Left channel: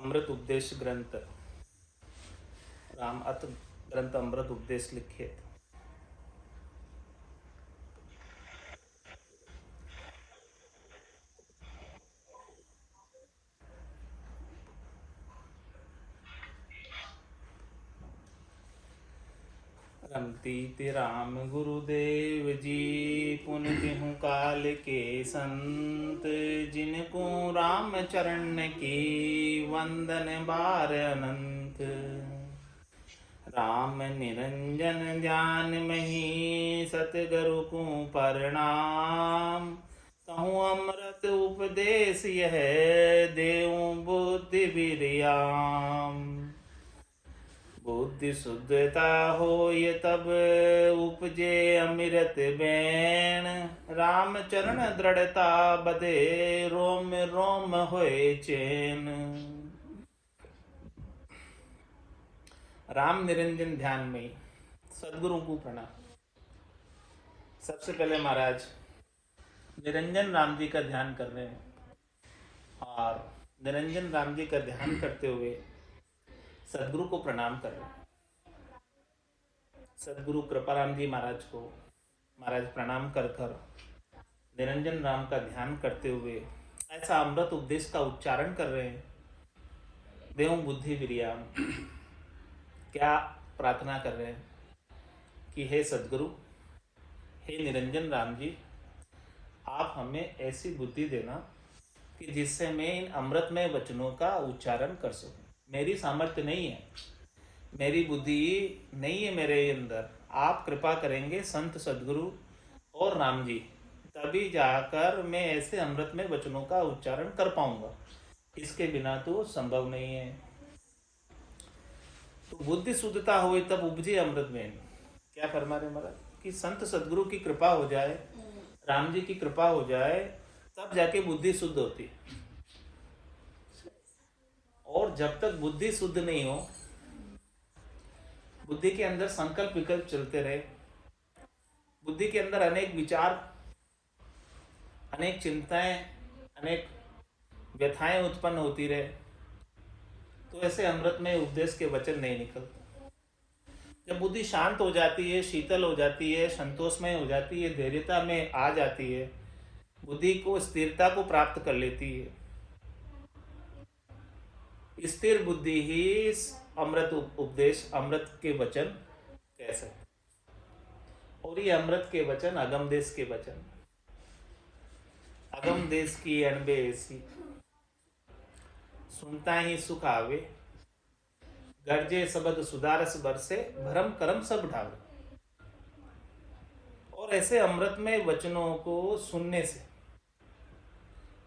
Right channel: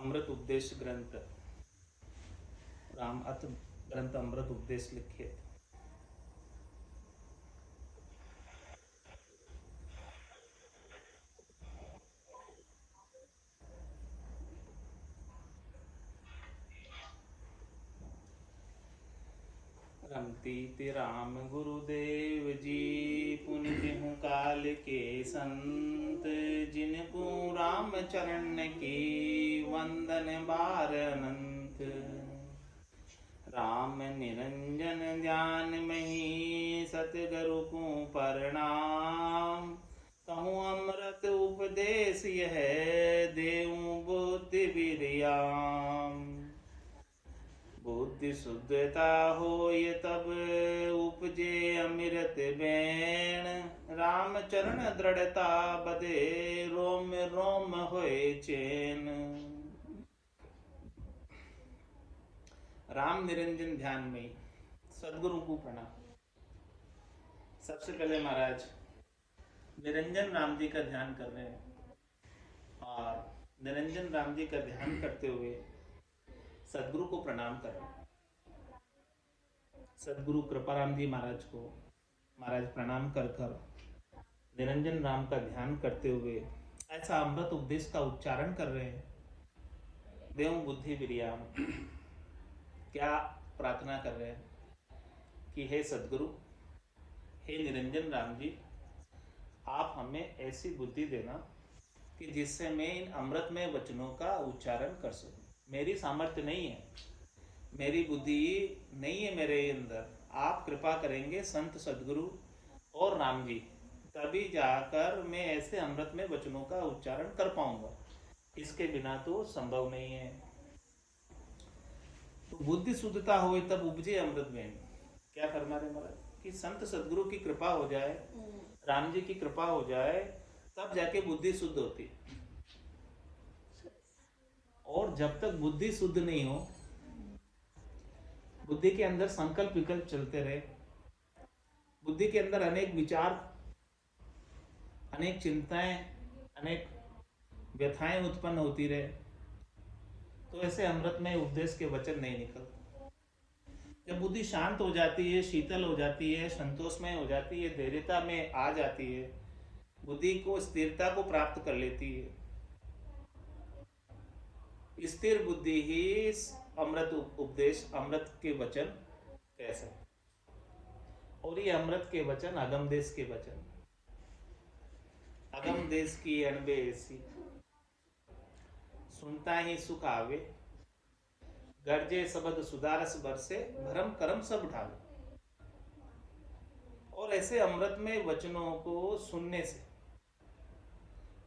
अमृत उपदेश ग्रंथ राम अत ग्रंथ अमृत उपदेश लिखे। रमती राम गुरुदेव जी पुन गेहूँ काल के संत, जिनको राम चरण की वंदन बार अनंत। राम निरंजन ध्यान मही सतगुरु को प्रणाम, कहूँ अमृत उपदेश यह देऊं बुद्धि विरियाम। बुद्धि शुद्धता होय तब उपजे अमृत बैन, राम चरण दृढ़ता बदे रोम रोम होए चैन। राम निरंजन ध्यान में सदगुरु को प्रणाम। सबसे पहले महाराज निरंजन राम जी का ध्यान कर रहे हैं और निरंजन राम जी का ध्यान करते हुए सदगुरु को प्रणाम कर रहे हैं। सदगुरु कृपाराम जी महाराज को महाराज प्रणाम कर कर निरंजन राम का ध्यान करते हुए ऐसा अमृत उपदेश का उच्चारण कर रहे हैं। देव बुद्धि विरियाम, क्या प्रार्थना कर रहे हैं कि हे सदगुरु, हे निरंजन राम जी, आप हमें ऐसी बुद्धि देना कि जिससे मैं इन अमृतमय वचनों का उच्चारण कर सकूं। मेरी सामर्थ्य नहीं है, मेरी बुद्धि नहीं है मेरे अंदर। आप कृपा करेंगे संत सदगुरु और राम जी, तभी जाकर मैं ऐसे अमृतमय वचनों का उच्चारण कर पाऊंगा। इसके बिना तो संभव नहीं है। तो बुद्धि शुद्धता हुई तब उपजे अमृत में। क्या फरमा रहे महाराज कि संत सदगुरु की कृपा हो जाए, राम जी की कृपा हो जाए, तब जाके बुद्धि शुद्ध होती है। और जब तक बुद्धि शुद्ध नहीं हो, बुद्धि के अंदर संकल्प विकल्प चलते रहे, बुद्धि के अंदर अनेक विचार, अनेक चिंताएं, अनेक व्यथाएं उत्पन्न होती रहे, तो ऐसे अमृतमय उपदेश के वचन नहीं निकलते। जब बुद्धि शांत हो जाती है, शीतल हो जाती है, संतोषमय हो जाती है, धैर्यता में आ जाती है, बुद्धि को स्थिरता को प्राप्त कर लेती है, स्थिर बुद्धि ही अमृत उपदेश, अमृत के वचन कह सकते। और ये अमृत के वचन अगम देश के वचन, अगम देश की अनबे ऐसी, सुनता ही सुख आवे, गर्जे शब्द सुदारस बरसे, भरम करम सब ढावे। और ऐसे अमृतमय वचनों को सुनने से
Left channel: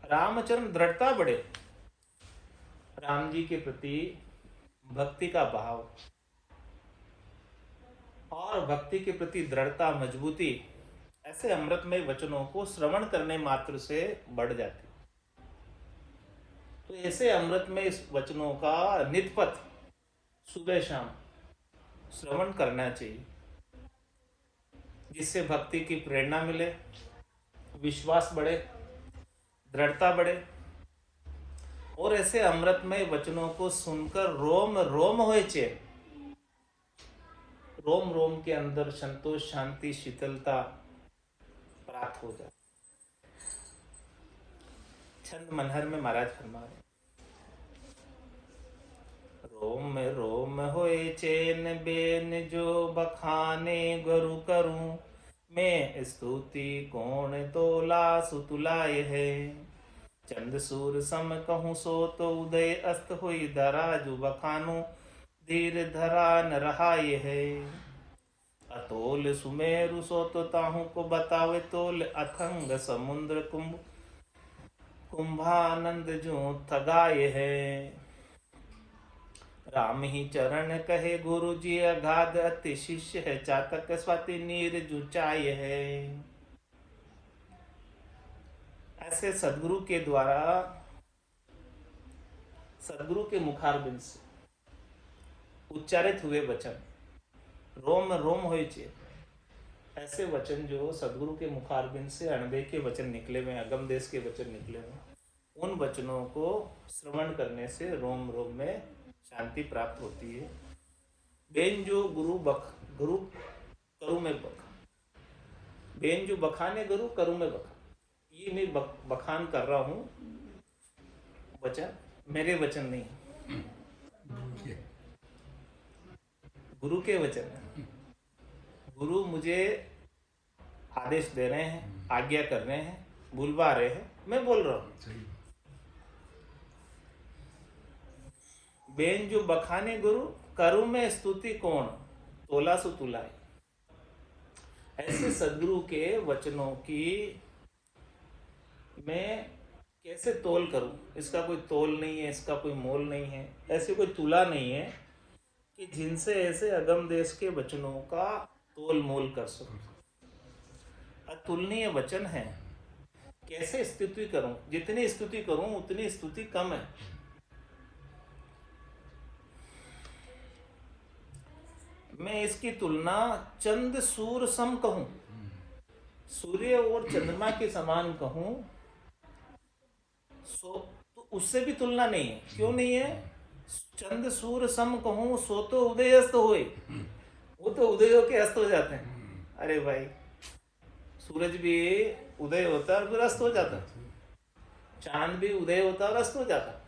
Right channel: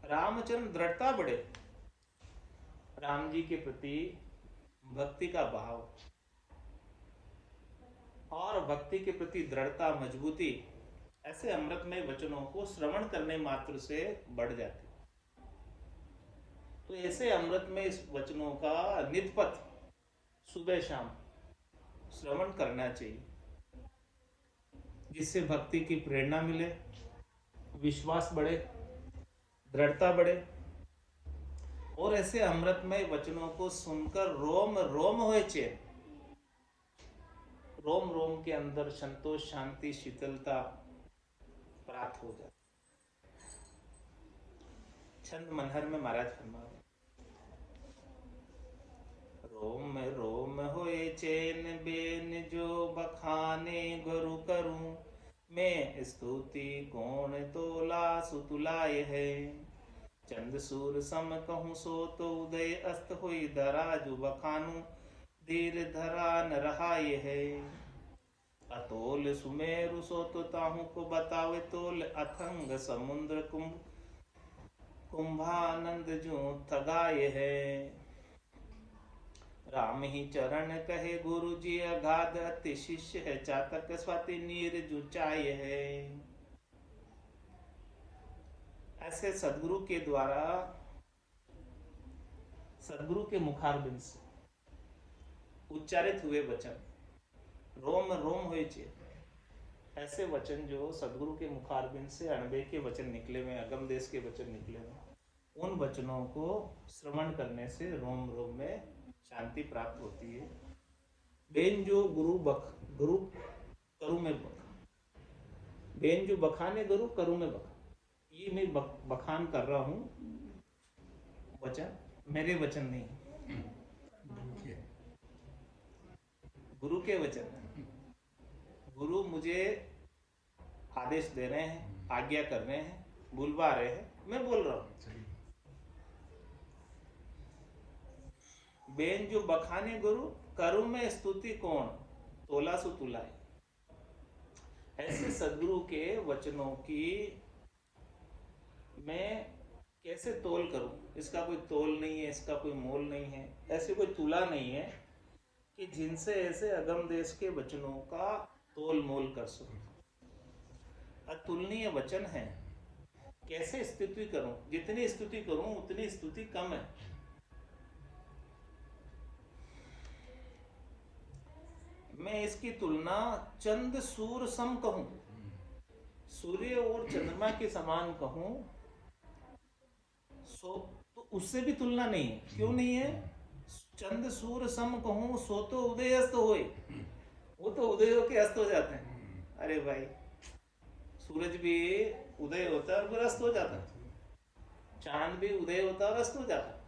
रामचरण दृढ़ता बढ़े, राम जी के प्रति भक्ति का भाव और भक्ति के प्रति दृढ़ता, मजबूती ऐसे अमृतमय वचनों को श्रवण करने मात्र से बढ़ जाती। तो ऐसे अमृतमय वचनों का नित्यपथ सुबह शाम श्रवण करना चाहिए, जिससे भक्ति की प्रेरणा मिले, विश्वास बढ़े, दृढ़ता बढ़े। और ऐसे अमृतमय वचनों को सुनकर रोम रोम होए चैन, रोम रोम के अंदर संतोष, शांति, शीतलता प्राप्त हो जाए। छंद मनहर में महाराज फरमा रहे, रोम रोम होए चैन बेन जो बखाने गुरु करूं, मैं स्तुति कौन तोला सुतुलाए है। चंद सूर सम कहूँ सो तो उदय अस्त हुई धरा, जो बखानू धीर धरा न रहा ये है। अतोल सुमेरु सो तो ताहू को बतावे तोल, अथंग समुद्र कुंभ कुंभानंद जो थगाए है। राम ही चरण कहे गुरु जी, अगाध अति शिष्य है, चातक स्वाति नीर जुचाए है। ऐसे सदगुरु के द्वारा, सदगुरु के मुखारबिंद से उच्चारित हुए वचन रोम रोम होए चे, ऐसे वचन जो सदगुरु के मुखारबिंद से अणबे के वचन निकले हुए, अगम देश के वचन निकले हुए, उन वचनों को श्रवण करने से रोम रोम में शांति प्राप्त होती है। बेन जो गुरु करु में बख, बेन जो बखाने गुरु करू में बखा। ये मैं बखान कर रहा हूं वचन, मेरे वचन नहीं, गुरु के वचन है। गुरु मुझे आदेश दे रहे हैं, आज्ञा कर रहे हैं, बुलवा रहे हैं, मैं बोल रहा हूं। बेन जो बखाने गुरु करु में स्तुति कौन, तोला सु तुलाए। ऐसे सदगुरु के वचनों की मैं कैसे तोल करूं? इसका कोई तोल नहीं है, इसका कोई मोल नहीं है, ऐसे कोई तुला नहीं है कि जिनसे ऐसे अगम देश के वचनों का तोल मोल कर सकूं। अतुलनीय वचन है, कैसे स्तुति करूं? जितनी स्तुति करूं उतनी स्तुति कम है। मैं इसकी तुलना चंद सूर्य सम कहूं, सूर्य और चंद्रमा के समान कहूं, सो तो उससे भी तुलना नहीं है। क्यों नहीं है? चंद सूर्य सम कहूं सो तो उदय अस्त होए। वो तो उदय होके अस्त हो जाते हैं। अरे भाई, सूरज भी उदय होता है और फिर अस्त हो जाता है, चांद भी उदय होता है और अस्त हो जाता है।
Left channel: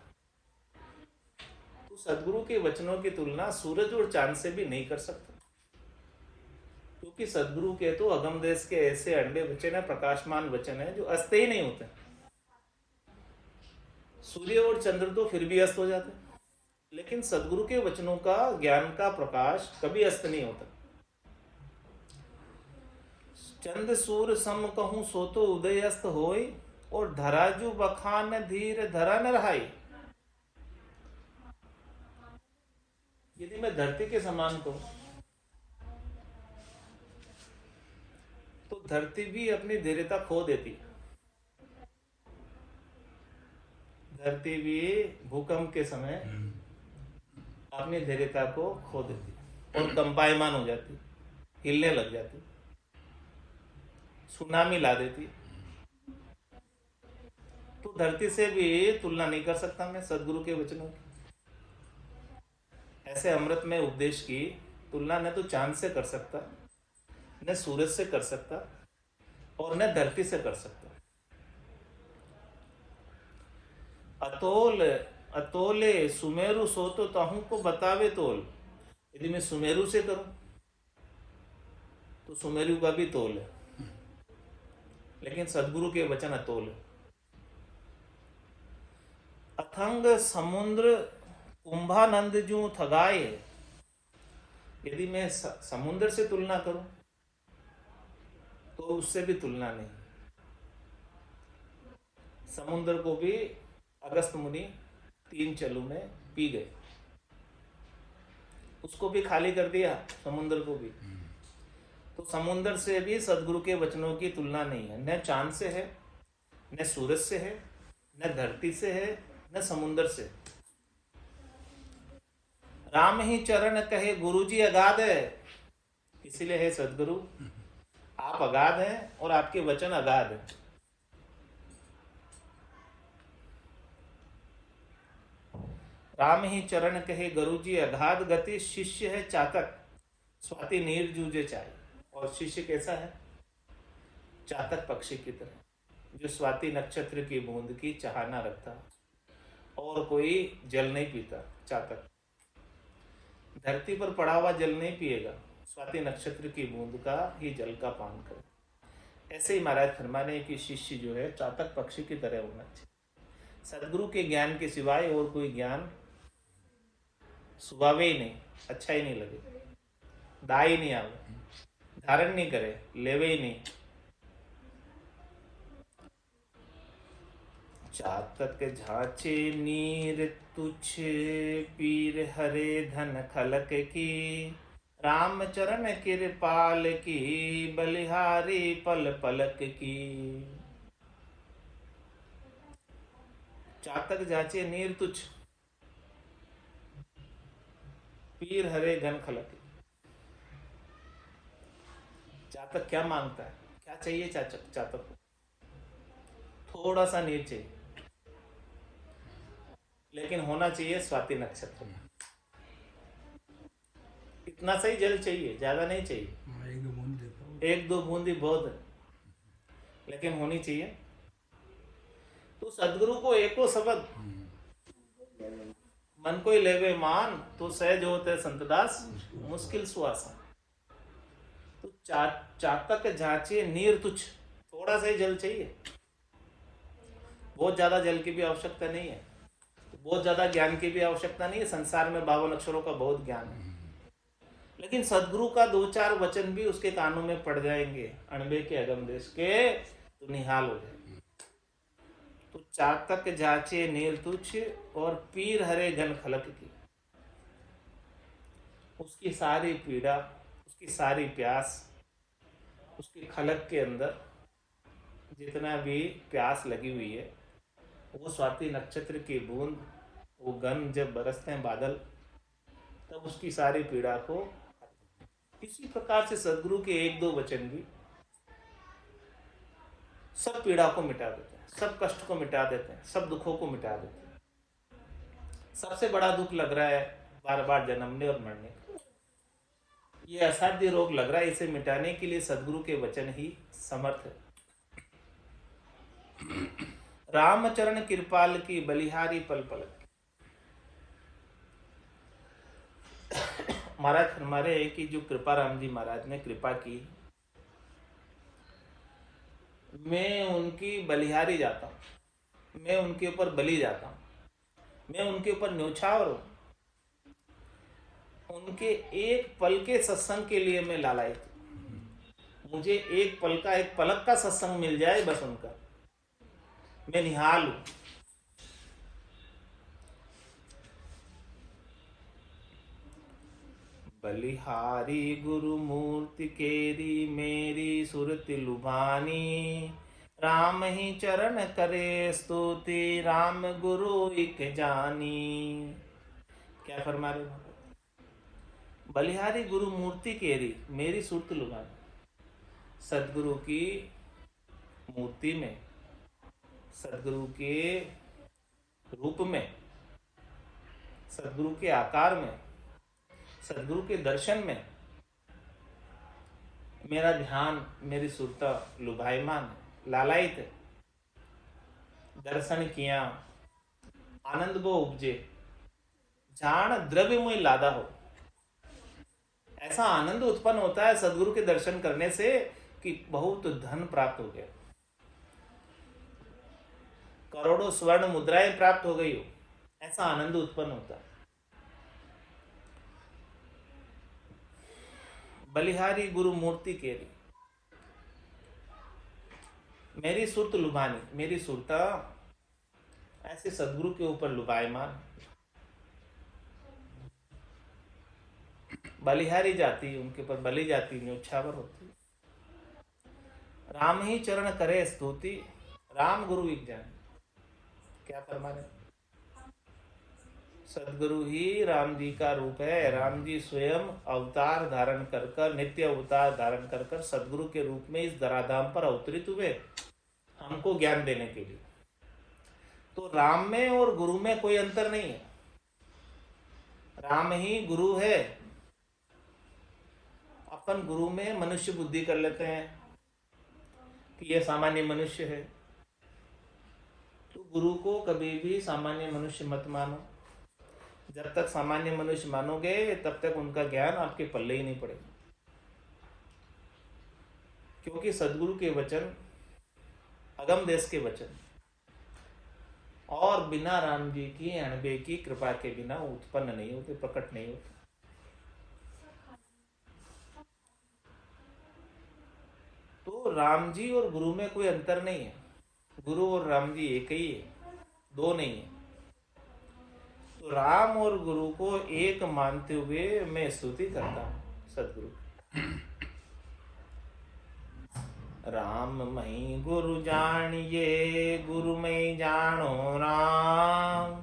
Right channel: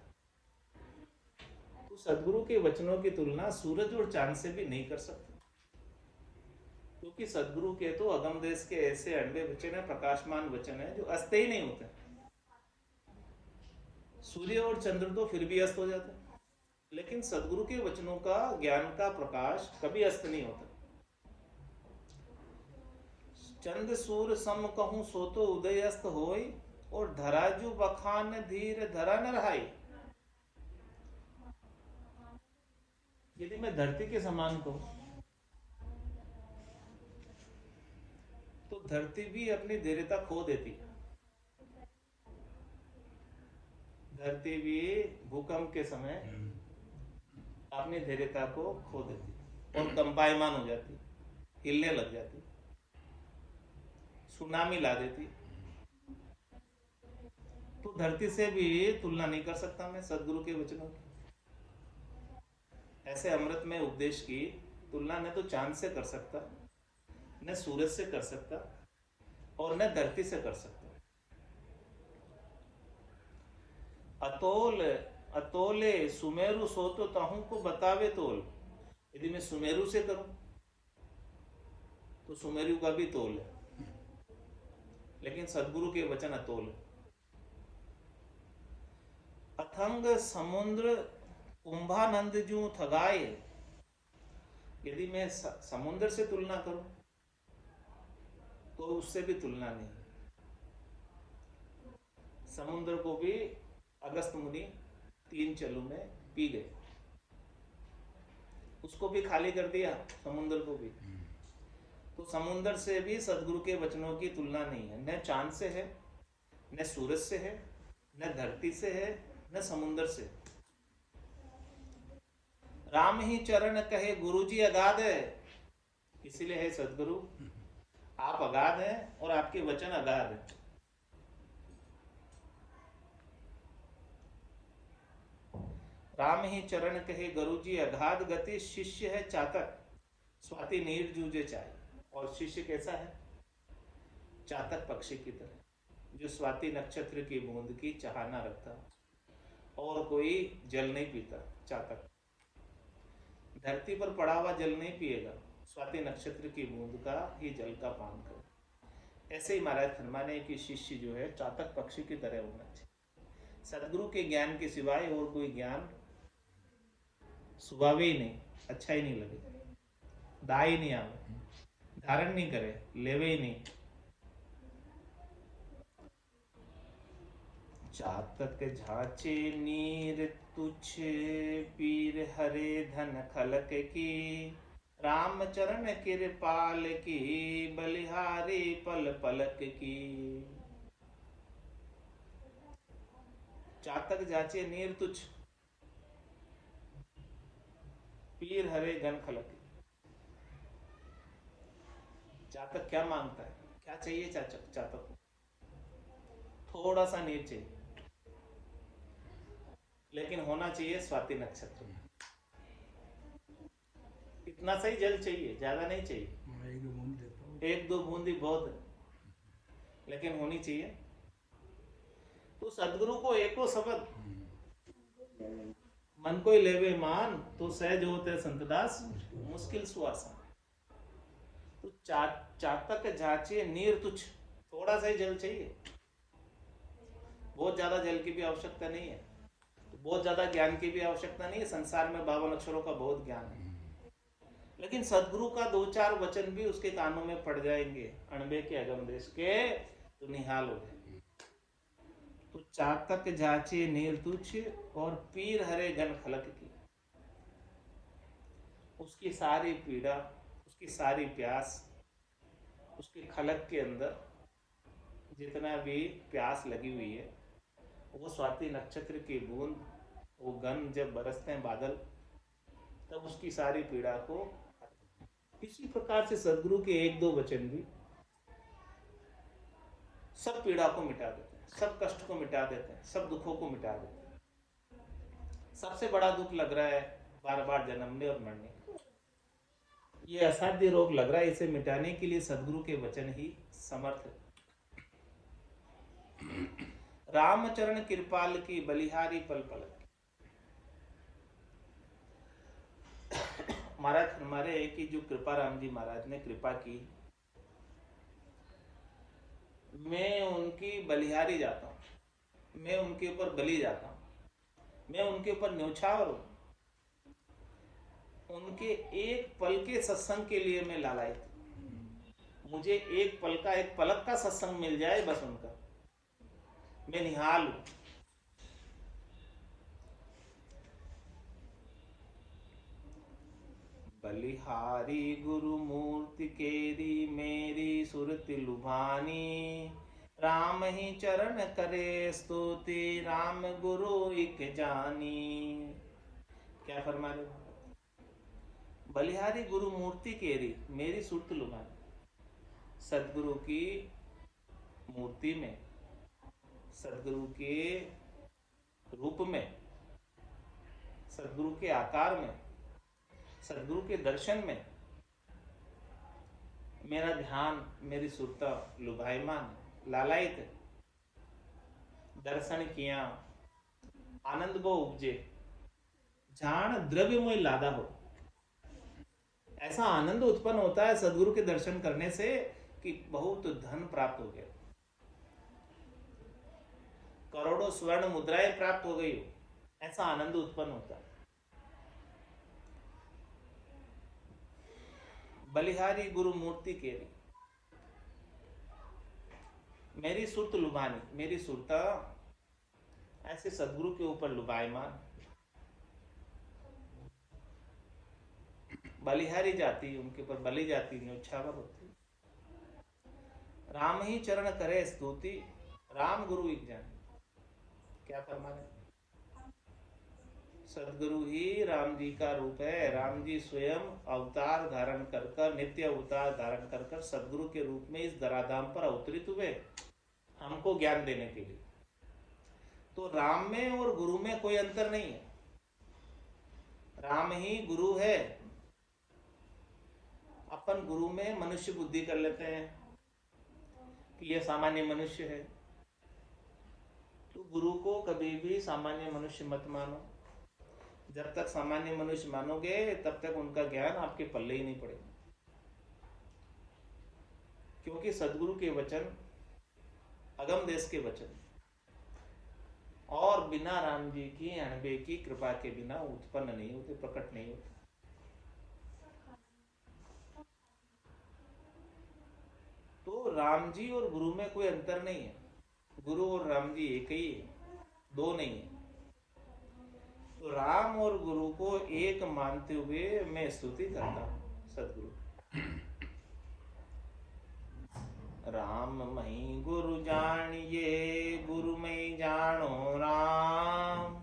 तो सदगुरु के वचनों की तुलना सूरज और चांद से भी नहीं कर सकता, क्योंकि सदगुरु के तो अगम देश के ऐसे अणबे वचन है, प्रकाशमान वचन है, जो अस्त ही नहीं होते। सूर्य और चंद्र तो फिर भी अस्त हो जाते हैं, लेकिन सदगुरु के वचनों का ज्ञान का प्रकाश कभी अस्त नहीं होता। चंद सूर्य सम कहूं सो तो उदय अस्त होय, और धराजू बखान धीर धरा न रहाई। यदि मैं धरती के समान कहूं तो धरती भी अपनी धीरता खो देती है। धरती भी भूकंप के समय अपनी धैर्यता को खो देती है और कंपायमान हो जाती है, हिलने लग जाती, सुनामी ला देती। तो धरती से भी तुलना नहीं कर सकता मैं सदगुरु के वचनों की। ऐसे अमृत में उपदेश की तुलना न तो चांद से कर सकता, न सूरज से कर सकता, और न धरती से कर सकता। अतोल अतोले सुमेरु सो तो ताहू को बतावे तोल। यदि मैं सुमेरु से करूं तो सुमेरु का भी तोल है, लेकिन सदगुरु के वचन अतोल है। अथंग समुद्र कुंभानंद जो थगाए। यदि मैं समुद्र से तुलना करूं तो उससे भी तुलना नहीं। समुद्र को भी अगस्त मुनि 3 चलू में पी गए, उसको भी खाली कर दिया, समुद्र को भी। तो समुद्र से भी सदगुरु के वचनों की तुलना नहीं है। न चांद से है, न सूरज से है, न धरती से है, न समुद्र से। राम ही चरण कहे गुरुजी अगाध है। इसीलिए है सदगुरु, आप अगाध हैं और आपके वचन अगाध है। राम ही चरण कहे गुरुजी अगाध गति, शिष्य है चातक स्वाति नीर जूझे चाय। और शिष्य कैसा है? चातक पक्षी की तरह, जो स्वाति नक्षत्र की बूंद की चाहना रखता और कोई जल नहीं पीता। चातक धरती पर पड़ा हुआ जल नहीं पिएगा, स्वाति नक्षत्र की बूंद का ही जल का पान करे। ऐसे ही महाराज फरमाने कि शिष्य जो है चातक पक्षी की तरह होना चाहिए। सदगुरु के ज्ञान के सिवाय और कोई ज्ञान सुभावे ही नहीं, अच्छा ही नहीं लगे, दाई ही नहीं आवे, धारण नहीं करे, लेवे ही नहीं। चातक झांचे नीर तुछ पीर हरे धन खलक की, राम चरण कृपाल की बलिहारी पल पलक की। चातक जाचे नीर तुछ पीर हरे घन खलक। चातक क्या मांगता है? क्या चाहिए चातक को? थोड़ा सा नीर चाहिए, लेकिन होना चाहिए स्वाति नक्षत्र में। इतना सही जल चाहिए, ज्यादा नहीं चाहिए, एक दो बूंदी बहुत है, लेकिन होनी चाहिए। तो सदगुरु को एको शब्द मन को ही लेवे मान, तो सहज होते संतदास मुश्किल सुआसा। तो चातक जाचे नीर तुच्छ, थोड़ा सा ही जल चाहिए, बहुत ज्यादा जल की भी आवश्यकता नहीं है, बहुत ज्यादा ज्ञान की भी आवश्यकता नहीं है। संसार में 52 अक्षरों का बहुत ज्ञान है, लेकिन सदगुरु का 2-4 वचन भी उसके कानों में पड़ जाएंगे, अणबे के अगम देश के, तो निहाल हो जाए। तो चातक जाचे नीर तुच्छ और पीर हरे घन खलक की, उसकी सारी पीड़ा, उसकी सारी प्यास, उसके खलक के अंदर जितना भी प्यास लगी हुई है, वो स्वाति नक्षत्र की बूंद, वो गन जब बरसते हैं बादल, तब उसकी सारी पीड़ा को, इसी प्रकार से सदगुरु के 1-2 वचन भी सब पीड़ा को मिटा देते हैं, सब कष्ट को मिटा देते हैं, सब दुखों को मिटा देते हैं। सबसे बड़ा दुख लग रहा है बार बार जन्मने और मरने का, ये असाध्य रोग लग रहा है, इसे मिटाने के लिए सदगुरु के वचन ही समर्थ है। रामचरण कृपाल की बलिहारी पल पल। महाराज हमारे है कि जो कृपा राम जी महाराज ने कृपा की, मैं उनकी बलिहारी जाता हूं, मैं उनके ऊपर बलि जाता हूं, मैं उनके ऊपर न्योछावर हूं। उनके एक पल के सत्संग के लिए मैं लालायित हूं। मुझे एक पल का, एक पलक का सत्संग मिल जाए बस उनका, मैं निहाल हूं। बलिहारी गुरु मूर्ति केरी मेरी सुरति लुभानी, राम ही चरण करे स्तुति राम गुरु एक जानी। क्या फरमा रहे हो? बलिहारी गुरु मूर्ति केरी मेरी सुरति लुभानी, सदगुरु की मूर्ति में, सदगुरु के रूप में, सदगुरु के आकार में, सदगुरु के दर्शन में मेरा ध्यान, मेरी सुरता लुभायमान है, लालायित है। दर्शन किया आनंद वो उपजे, जान द्रव्य में लादा हो। ऐसा आनंद उत्पन्न होता है सदगुरु के दर्शन करने से कि बहुत धन प्राप्त हो गया, करोड़ों स्वर्ण मुद्राएं प्राप्त हो गई हो, ऐसा आनंद उत्पन्न होता है। बलिहारी गुरु मूर्ति केरी मेरी सुरत लुभानी, मेरी सुरता ऐसे सदगुरु के ऊपर लुभायमान। बलिहारी जाती, उनके ऊपर बलि जाती, न्योछावर होती। राम ही चरण करे स्तुति राम गुरु एक जान। क्या फरमाने? सदगुरु ही राम जी का रूप है। राम जी स्वयं अवतार धारण कर कर, नित्य अवतार धारण कर कर सदगुरु के रूप में इस धराधाम पर अवतरित हुए हमको ज्ञान देने के लिए। तो राम में और गुरु में कोई अंतर नहीं है, राम ही गुरु है। अपन गुरु में मनुष्य बुद्धि कर लेते हैं कि यह सामान्य मनुष्य है, तो गुरु को कभी भी सामान्य मनुष्य मत मानो। जब तक सामान्य मनुष्य मानोगे तब तक उनका ज्ञान आपके पल्ले ही नहीं पड़ेगा, क्योंकि सदगुरु के वचन अगम देश के वचन और बिना राम जी की अणबे की कृपा के बिना उत्पन्न नहीं होते, प्रकट नहीं होते। तो राम जी और गुरु में कोई अंतर नहीं है, गुरु और राम जी एक ही है, दो नहीं है। तो राम और गुरु को एक मानते हुए मैं स्तुति करता हूं सदगुरु। राम मई गुरु जानिए, गुरु मई जानो राम।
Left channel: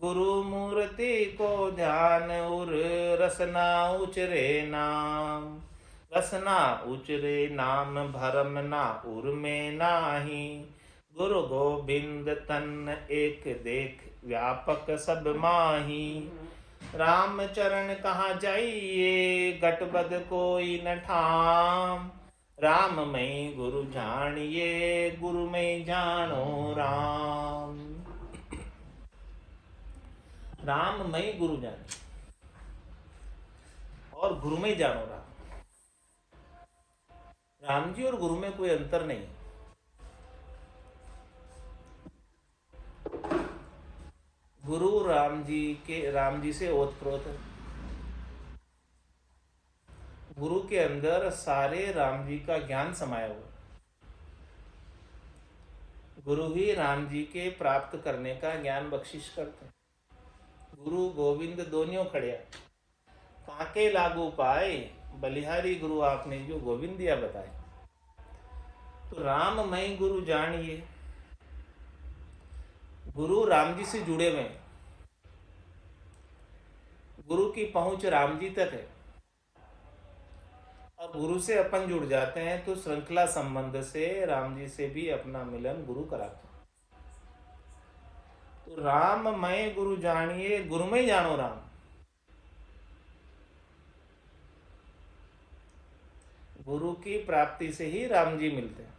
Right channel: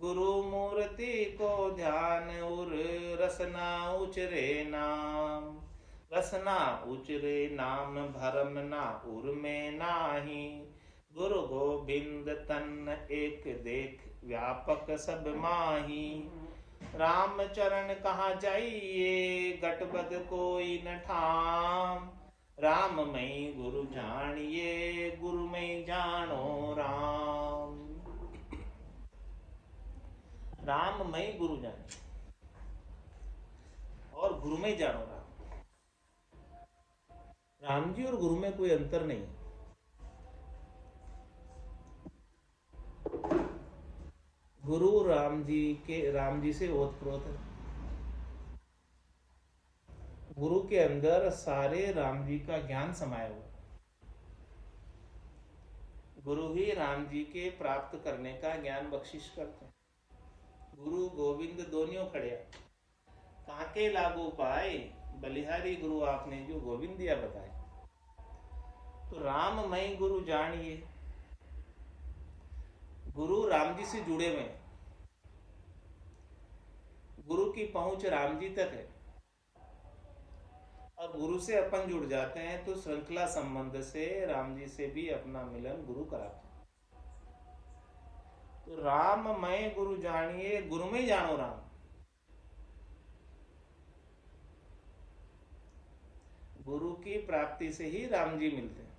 गुरु मूर्ति को ध्यान उर रसना उचरे नाम। रसना उचरे नाम भरम ना उर में नाही। गुरु गोविंद तन एक देख व्यापक सब माही। राम चरण कहाँ जाइए, गटबद कोई न ठाम। राम मई गुरु जानिए, गुरु में जानो राम। राम मई गुरु जानिए और गुरु में जानो राम। राम जी और गुरु में कोई अंतर नहीं। गुरु राम जी से ओतप्रोत है। गुरु के अंदर सारे राम जी का ज्ञान समाया हुआ। गुरु ही राम जी के प्राप्त करने का ज्ञान बख्शिश करते हैं। गुरु गोविंद दोनों खड़े, काके लागू पाए, बलिहारी गुरु आपने जो गोविंद दिया बताए। तो राम मई गुरु जानिए, गुरु राम जी से जुड़े हुए, गुरु की पहुंच राम जी तक है और गुरु से अपन जुड़ जाते हैं तो श्रृंखला संबंध से राम जी से भी अपना मिलन गुरु कराते हैं। तो राम मैं गुरु जानिए, गुरु में जानो राम। गुरु की प्राप्ति से ही राम जी मिलते हैं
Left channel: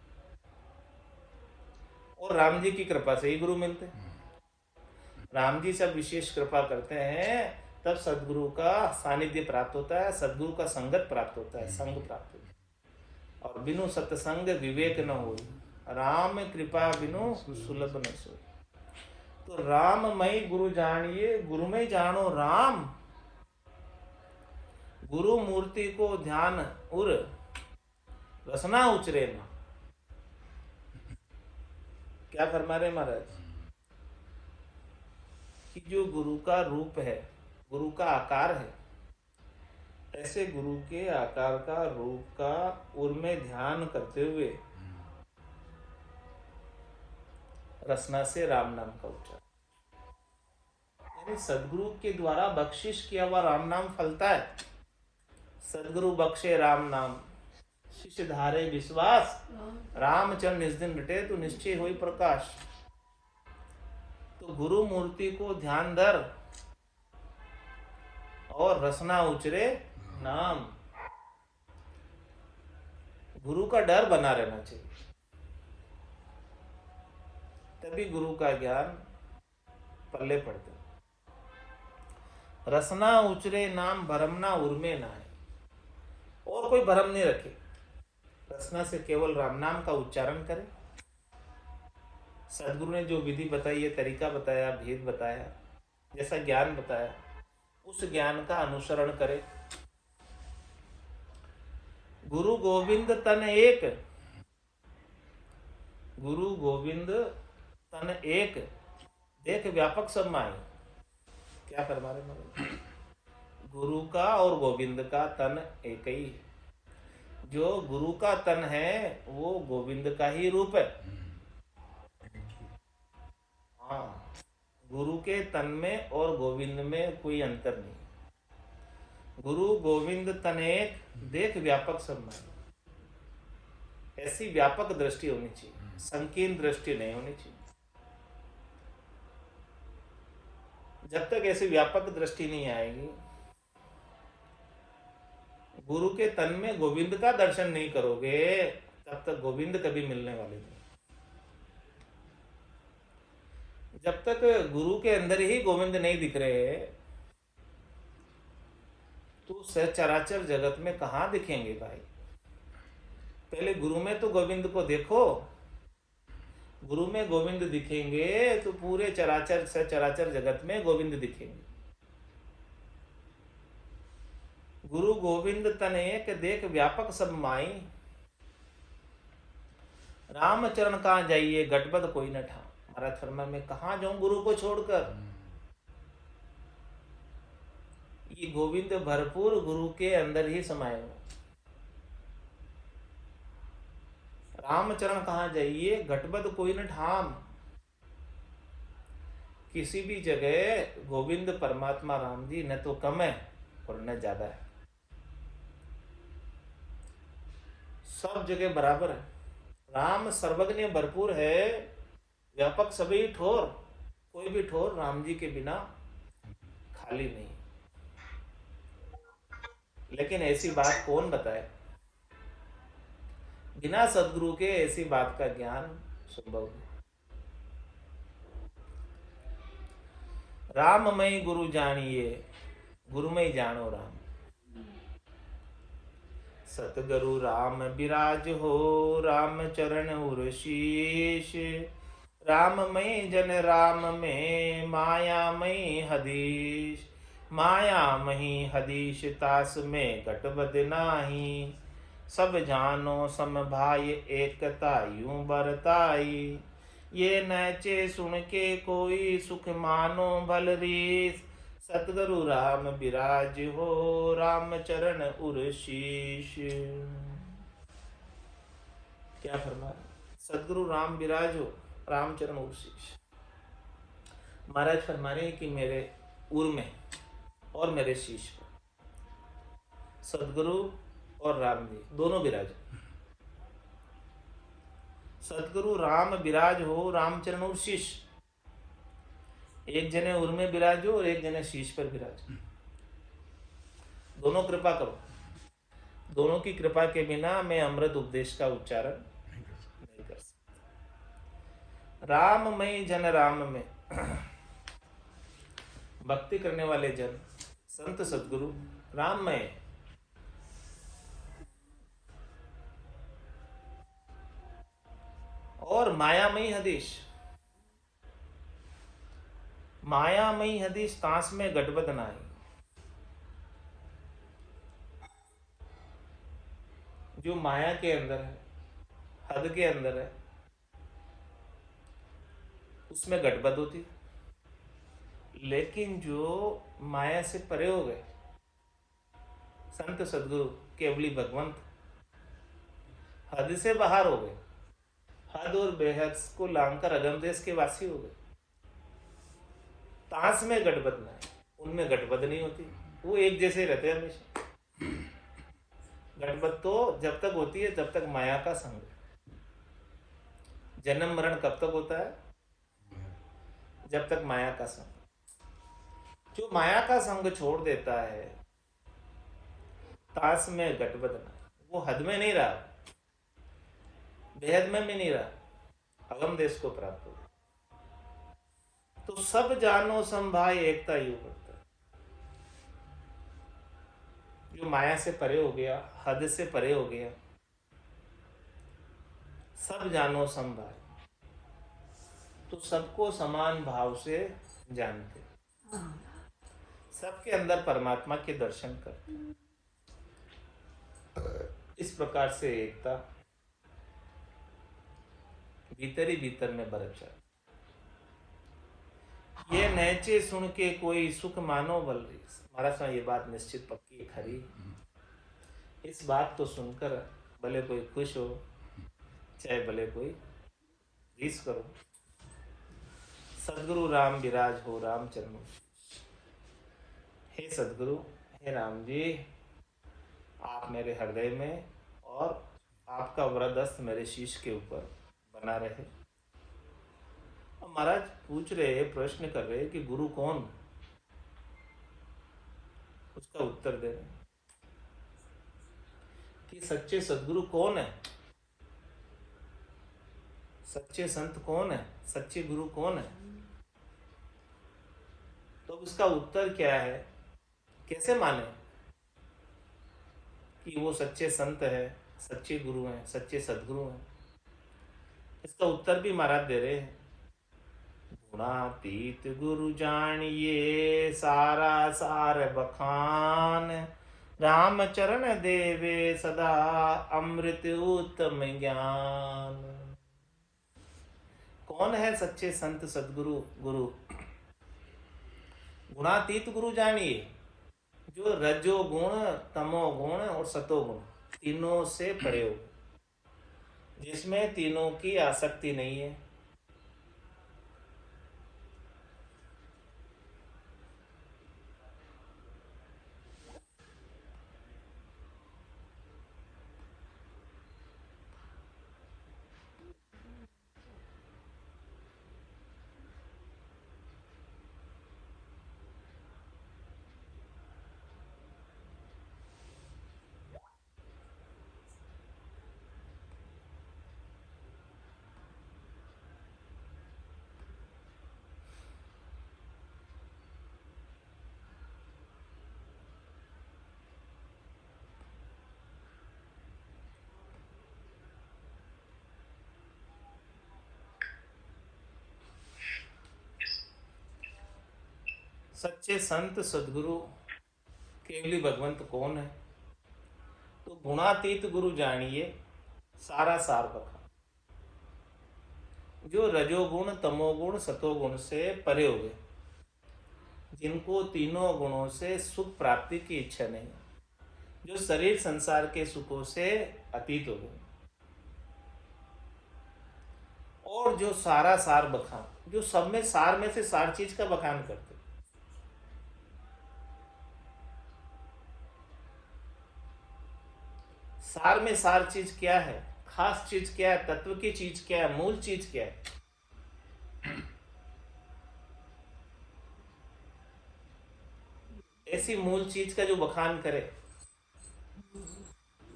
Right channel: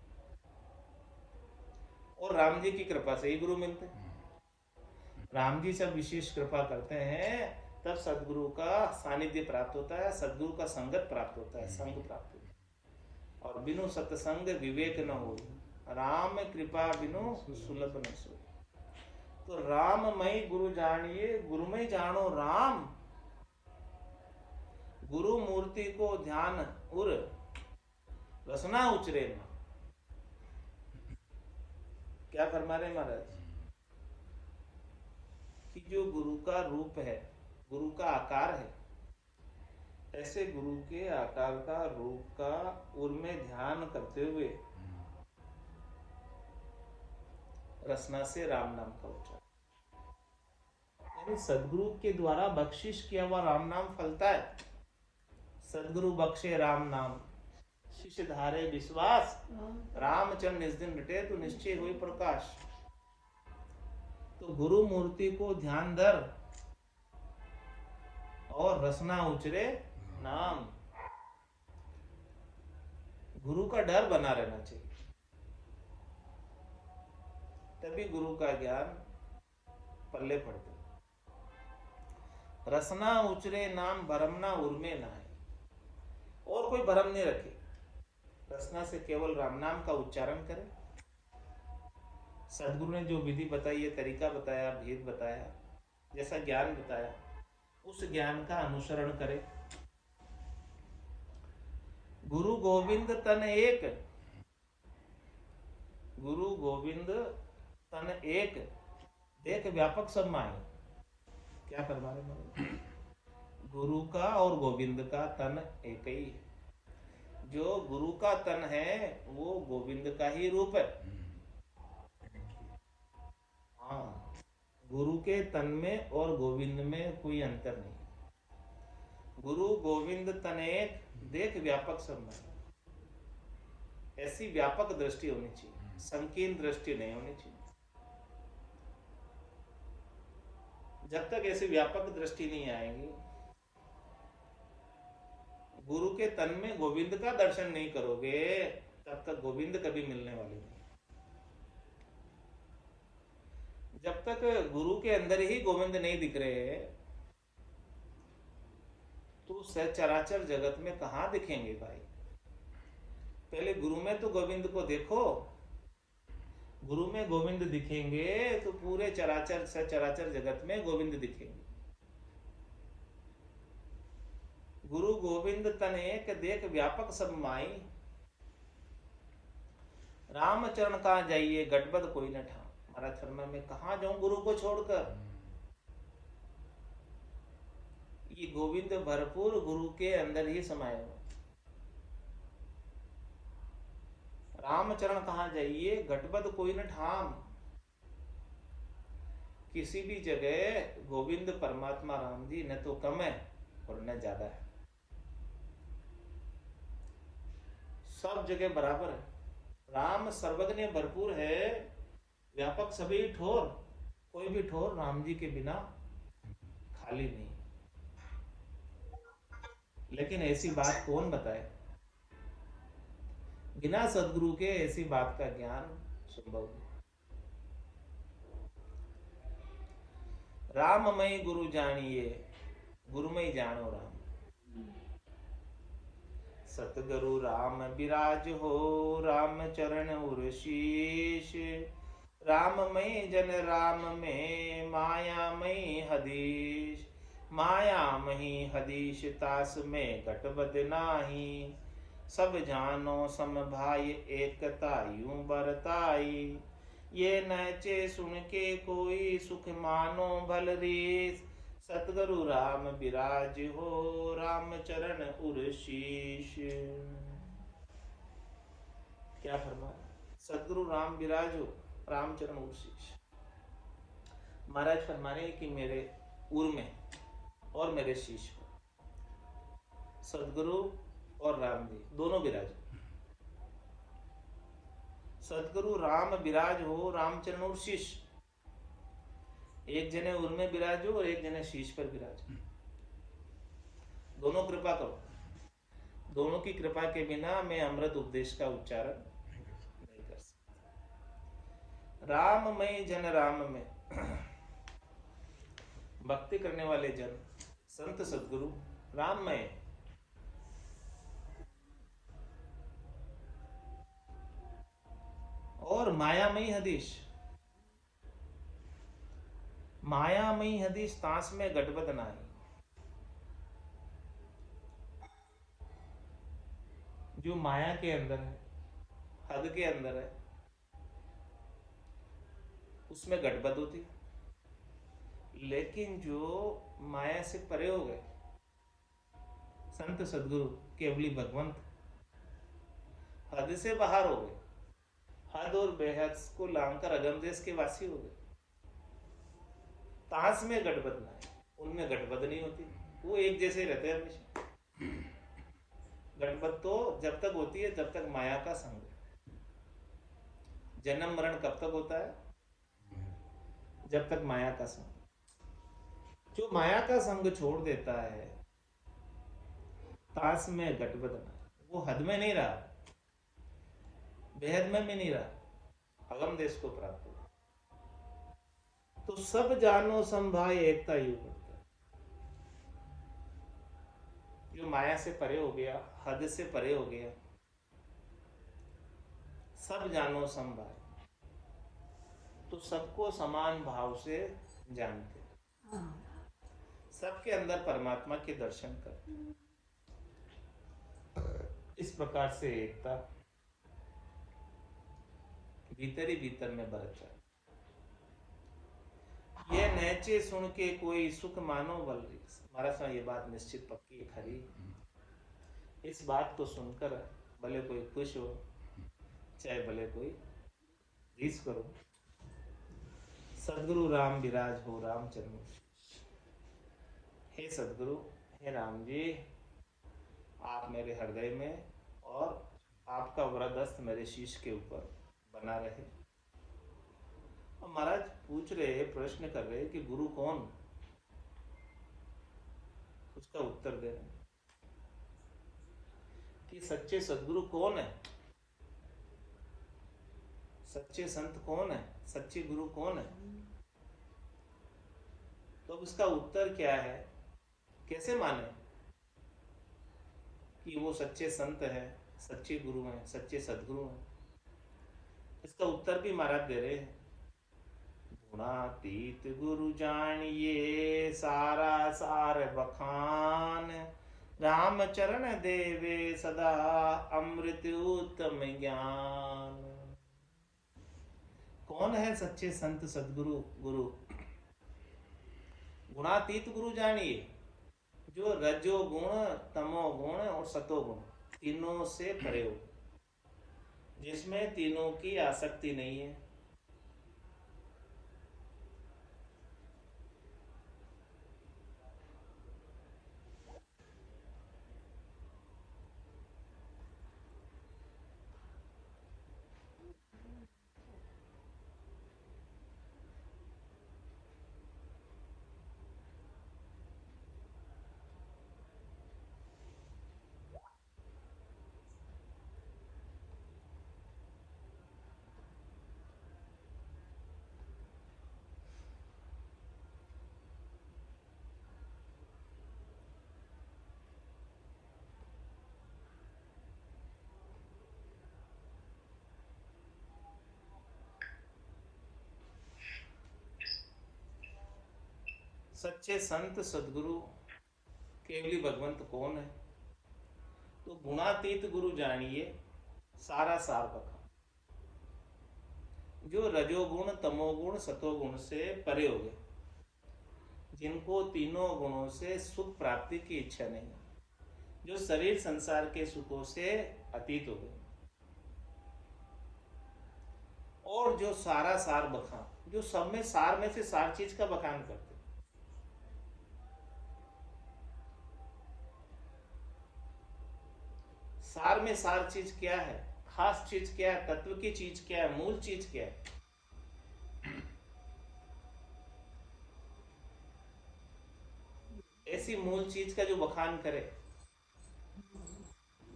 और राम जी की कृपा से ही गुरु मिलते हैं। राम जी जब विशेष कृपा करते हैं तब सदगुरु का सानिध्य प्राप्त होता है, सदगुरु का संगत प्राप्त होता है, संग प्राप्त होता है। और बिनु सत्संग विवेक न हो, राम कृपा बिनु सुलभ न सोई। तो राम मई गुरु जानिए, गुरु में जानो राम। गुरु मूर्ति को ध्यान उर, रसना उचरे ना। क्या फरमा रहे महाराज कि जो गुरु का रूप है, गुरु का आकार है, ऐसे गुरु के आकार का, रूप का उर में ध्यान करते हुए रसना से राम नाम का उच्चारण, यानी सदगुरु के द्वारा बख्शिश किया हुआ राम नाम फलता है। सदगुरु बख्शे राम नाम, शिष्य धारे विश्वास, रामचरण निज दिन मिटे तो निश्चय होई प्रकाश। तो गुरु मूर्ति को ध्यान धर और रसना उचरे नाम। गुरु का डर बना रहना चाहिए, तभी गुरु का ज्ञान पल्ले पड़ता। रसना उचरे नाम, भरमना उर्मे ना है। और कोई भरम नहीं रखे, रसना से केवल राम नाम का उच्चारण करे। सदगुरु ने जो विधि बताई है, तरीका बताया, भेद बताया, जैसा ज्ञान बताया, उस ज्ञान का अनुसरण करे। गुरु गोविंद तन एक, गुरु गोविंद तन एक, देख व्यापक सब माई। क्या फरमा रहे महाराज? गुरु का और गोविंद का तन एक ही है। जो गुरु का तन है वो गोविंद का ही रूप है। हाँ, गुरु के तन में और गोविंद में कोई अंतर नहीं। गुरु गोविंद तनेक, देख व्यापक सब में। ऐसी व्यापक दृष्टि होनी चाहिए, संकीर्ण दृष्टि नहीं होनी चाहिए। जब तक ऐसी व्यापक दृष्टि नहीं आएगी, गुरु के तन में गोविंद का दर्शन नहीं करोगे, तब तक गोविंद कभी मिलने वाले नहीं। जब तक गुरु के अंदर ही गोविंद नहीं दिख रहे तो सचराचर जगत में कहां दिखेंगे भाई? पहले गुरु में तो गोविंद को देखो। गुरु में गोविंद दिखेंगे तो पूरे चराचर सचराचर जगत में गोविंद दिखेंगे। गुरु गोविंद तनेक, देख व्यापक सब माई। राम चरण कहाँ जाइए, गटबद कोई न ठा। महाराज फरमा में कहा जाऊं गुरु को छोड़कर? ये गोविंद भरपूर गुरु के अंदर ही समाये हो। रामचरण कहाँ जाइए, घटबद कोई न ठाम। किसी भी जगह गोविंद परमात्मा राम जी न तो कम है और न ज्यादा है, सब जगह बराबर है। राम सर्वज्ञ भरपूर है, व्यापक सभी ठोर। कोई भी ठोर राम जी के बिना खाली नहीं। लेकिन ऐसी बात कौन बताए, बिना सदगुरु के ऐसी बात का ज्ञान संभव नहीं। राममय गुरु जानिए, गुरुमय जानो राम। सतगुरु राम विराज हो, राम चरण उर शीश। राममय जन राम में, मायामय हदीश। माया मही हदीश, तास में घटबद नाही। सब जानो सम भाई, एकता यूं बरताई। ये नचे सुन के कोई, सुख मानो भल रीस। सतगुरु राम विराज हो, राम चरण उर शीश। क्या फरमा रहे, सतगुरु राम विराज हो, राम चरण उर शीश। महाराज फरमा रहे हैं कि मेरे उर में और मेरे शीश पर सतगुरु और राम जी दोनों विराज। सतगुरु राम विराज हो, रामचरण उर शीश। एक जने उर में विराजो और एक जने शीश पर विराज। दोनों कृपा करो। दोनों की कृपा के बिना मैं अमृत उपदेश का उच्चारण नहीं कर सकता। राममय जन राम में भक्ति करने वाले जन, संत सदगुरु राममय, और मायामयी हदीश। मायामयी हदीश, तांस में गटबद नाई। जो माया के अंदर है, हद के अंदर है, उसमें गटबद होती। लेकिन जो माया से परे हो गए, संत सदगुरु केवली भगवंत, हद से बाहर हो गए, हद और बेहद को लांघकर अगम देश के वासी हो गए, तांस में गटबद ना है, उनमें गटबद नहीं होती। वो एक जैसे रहते हैं हमेशा। गटबद तो जब तक होती है जब तक माया का संग है। जन्म मरण कब तक होता है, जब तक माया का संग। जो माया का संग छोड़ देता है, तास में गटबद ना, वो हद में नहीं रहा, बेहद में भी नहीं रहा, अगम देश को प्राप्त हो। तो सब जानो संभाय, एकता यू करता है। जो माया से परे हो गया, हद से परे हो गया, सब जानो संभाय, तो सबको समान भाव से जानते, सबके अंदर परमात्मा के दर्शन करते। इस प्रकार से एकता भीतर ही भीतर में बरत जाती। ये नैचे सुन के कोई, सुख मानो बल रीस। महाराज साहब ये बात निश्चित पक्की खरी। इस बात तो सुनकर भले कोई खुश हो, चाहे भले कोई रीस करो। सदगुरु राम विराज हो, रामचरण। हे सदगुरु, हे राम जी, आप मेरे हृदय में और आपका वरदस्त मेरे शीश के ऊपर बना रहे। महाराज पूछ रहे, प्रश्न कर रहे कि गुरु कौन, उसका उत्तर दे रहे कि सच्चे सदगुरु कौन है, सच्चे संत कौन है, सच्चे गुरु कौन है। तो उसका उत्तर क्या है, कैसे माने कि वो सच्चे संत है, सच्चे गुरु हैं, सच्चे सदगुरु हैं। इसका उत्तर भी महाराज दे रहे हैं। गुणातीत गुरु जानिए, सारा सार बखान। राम चरण देवे सदा, अमृत उत्तम ज्ञान। कौन है सच्चे संत सदगुरु गुरु? गुणातीत गुरु जानिए, जो रजोगुण, तमोगुण और सतोगुण तीनों से परे हो, जिसमें तीनों की आसक्ति नहीं है। सच्चे संत सदगुरु केवली भगवंत कौन है? तो गुणातीत गुरु जानिए सारा सार बखा, जो रजोगुण तमोगुण सतोगुण से परे हो गए, जिनको तीनों गुणों से सुख प्राप्ति की इच्छा नहीं, जो शरीर संसार के सुखों से अतीत हो गए, और जो सारा सार बखान, जो सब में सार में से सार चीज का बखान करते। सार में सार चीज क्या है, खास चीज क्या है, तत्व की चीज क्या है, मूल चीज क्या है, ऐसी मूल चीज का जो बखान करे,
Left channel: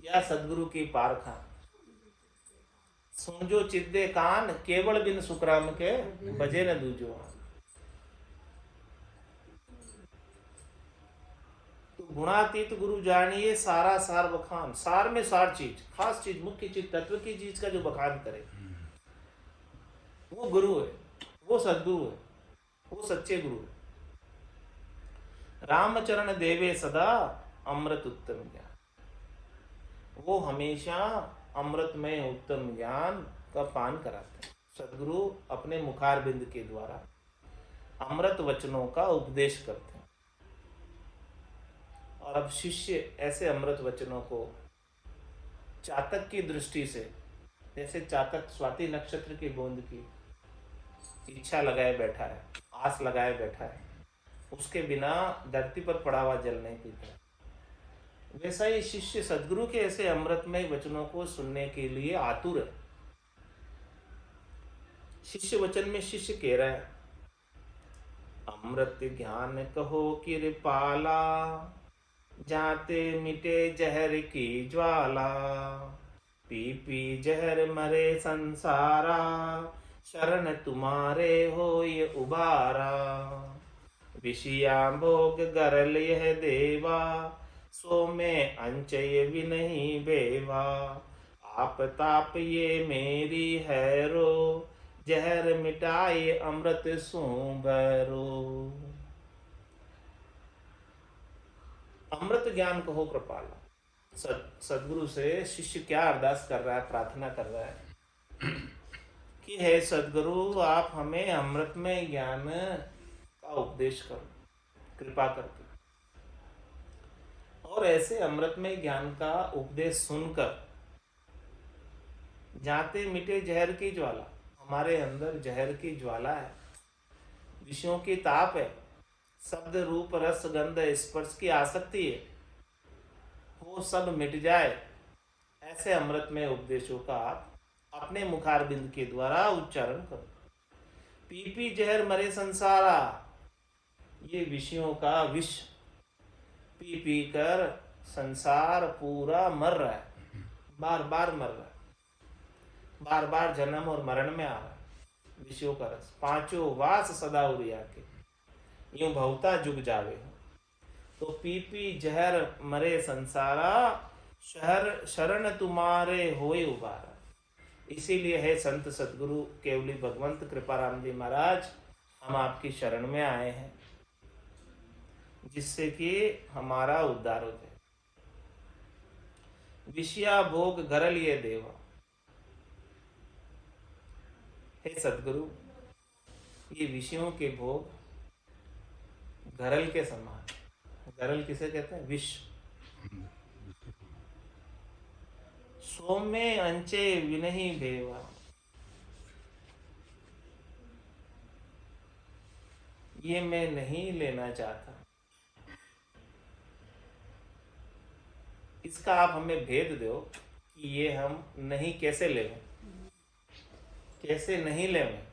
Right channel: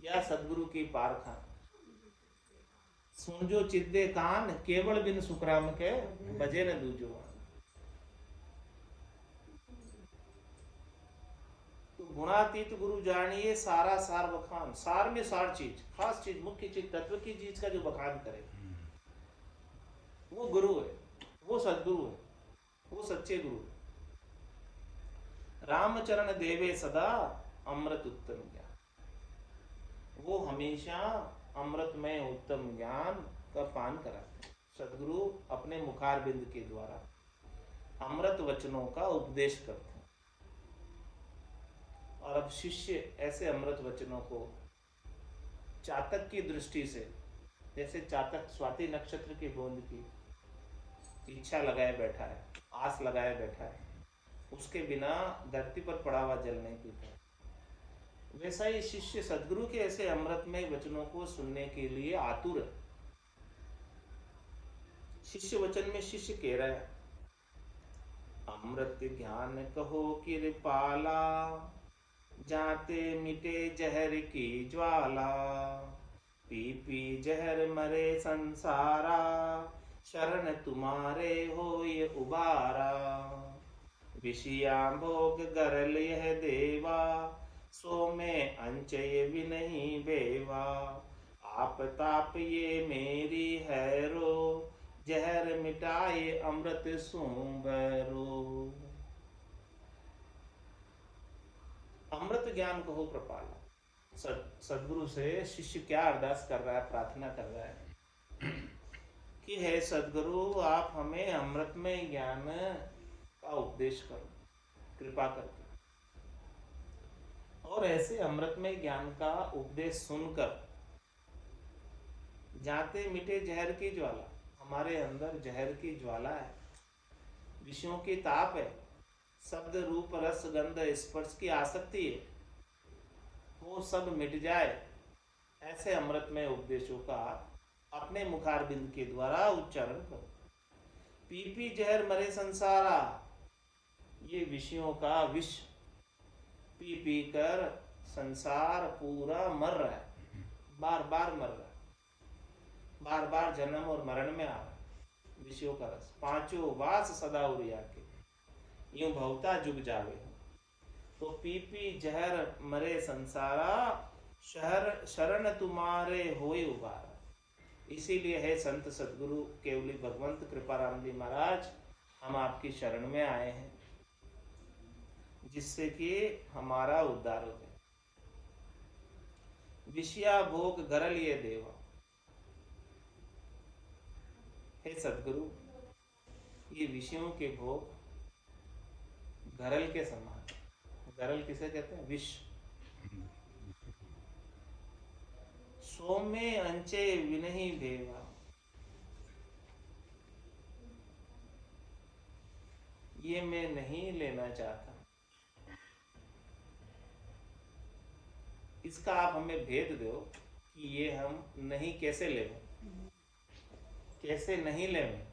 या सदगुरु की पारखा। सुनजो चिद्दे कान केवल बिन सुखराम के, बजे न दूजो। तो गुणातीत गुरु जानिए सारा सार बखान, सार में सार चीज, खास चीज, मुख्य चीज, तत्व की चीज का जो बखान करे, वो गुरु है, वो सदगुरु है, वो सच्चे गुरु है। रामचरण देवे सदा अमृत उत्तम ज्ञान, वो हमेशा अमृतमय उत्तम ज्ञान का पान कराते हैं। सदगुरु अपने मुखारबिंद के द्वारा अमृत वचनों का उपदेश करते हैं, और अब शिष्य ऐसे अमृत वचनों को चातक की दृष्टि से, जैसे चातक स्वाति नक्षत्र की बूंद की इच्छा लगाए बैठा है, आस लगाए बैठा है, उसके बिना धरती पर पड़ा हुआ जल नहीं पीता, वैसा ही शिष्य सदगुरु के ऐसे अमृतमय वचनों को सुनने के लिए आतुर है। शिष्य वचन में शिष्य कह रहा है, अमृत ज्ञान कहो कृपाला, जाते मिटे जहर की ज्वाला, पी पी जहर मरे संसारा, शरण तुम्हारे हो ये उबारा, विषया भोग गरल यह देवा, सो में अंचय भी नहीं बेवा, आप ताप ये मेरी है रो, जहर मिटाए अमृत सो भरो। अमृत ज्ञान कहो कृपाला। सदगुरु से शिष्य क्या अरदास कर रहा है, प्रार्थना कर रहा है कि हे सदगुरु, आप हमें अमृतमय ज्ञान का उपदेश करो कृपा करके, और ऐसे अमृतमय ज्ञान का उपदेश सुनकर जाते मिटे जहर की ज्वाला, हमारे अंदर जहर की ज्वाला है, विषयों की ताप है, शब्द रूप रस गंध स्पर्श की आसक्ति है, वो सब मिट जाए। ऐसे अमृतमय उपदेशों का आप अपने मुखारबिंद के द्वारा उच्चारण करो। पी पी जहर मरे संसारा, ये विषयों का विष पी पी कर संसार पूरा मर रहा है, बार बार मर रहा है, बार बार जन्म और मरण में आ रहा है। विषयों का रस पांचों वास सदा उरिया के, यूं भवता जुग जावे। तो पी पी जहर मरे संसारा, शरण तुम्हारे होए उबारा। इसीलिए है संत सतगुरु केवली भगवंत कृपाराम जी महाराज, हम आपकी शरण में आए हैं, जिससे कि हमारा उद्धार हो जाए। विषया भोग गरल ये देवा, हे सतगुरु, ये विषयों के भोग गरल के समान। गरल किसे कहते हैं? विष। सोमे अंचे विनही भेवा, ये मैं नहीं लेना चाहता। इसका आप हमें भेद दो कि ये हम नहीं कैसे लें, कैसे नहीं लें।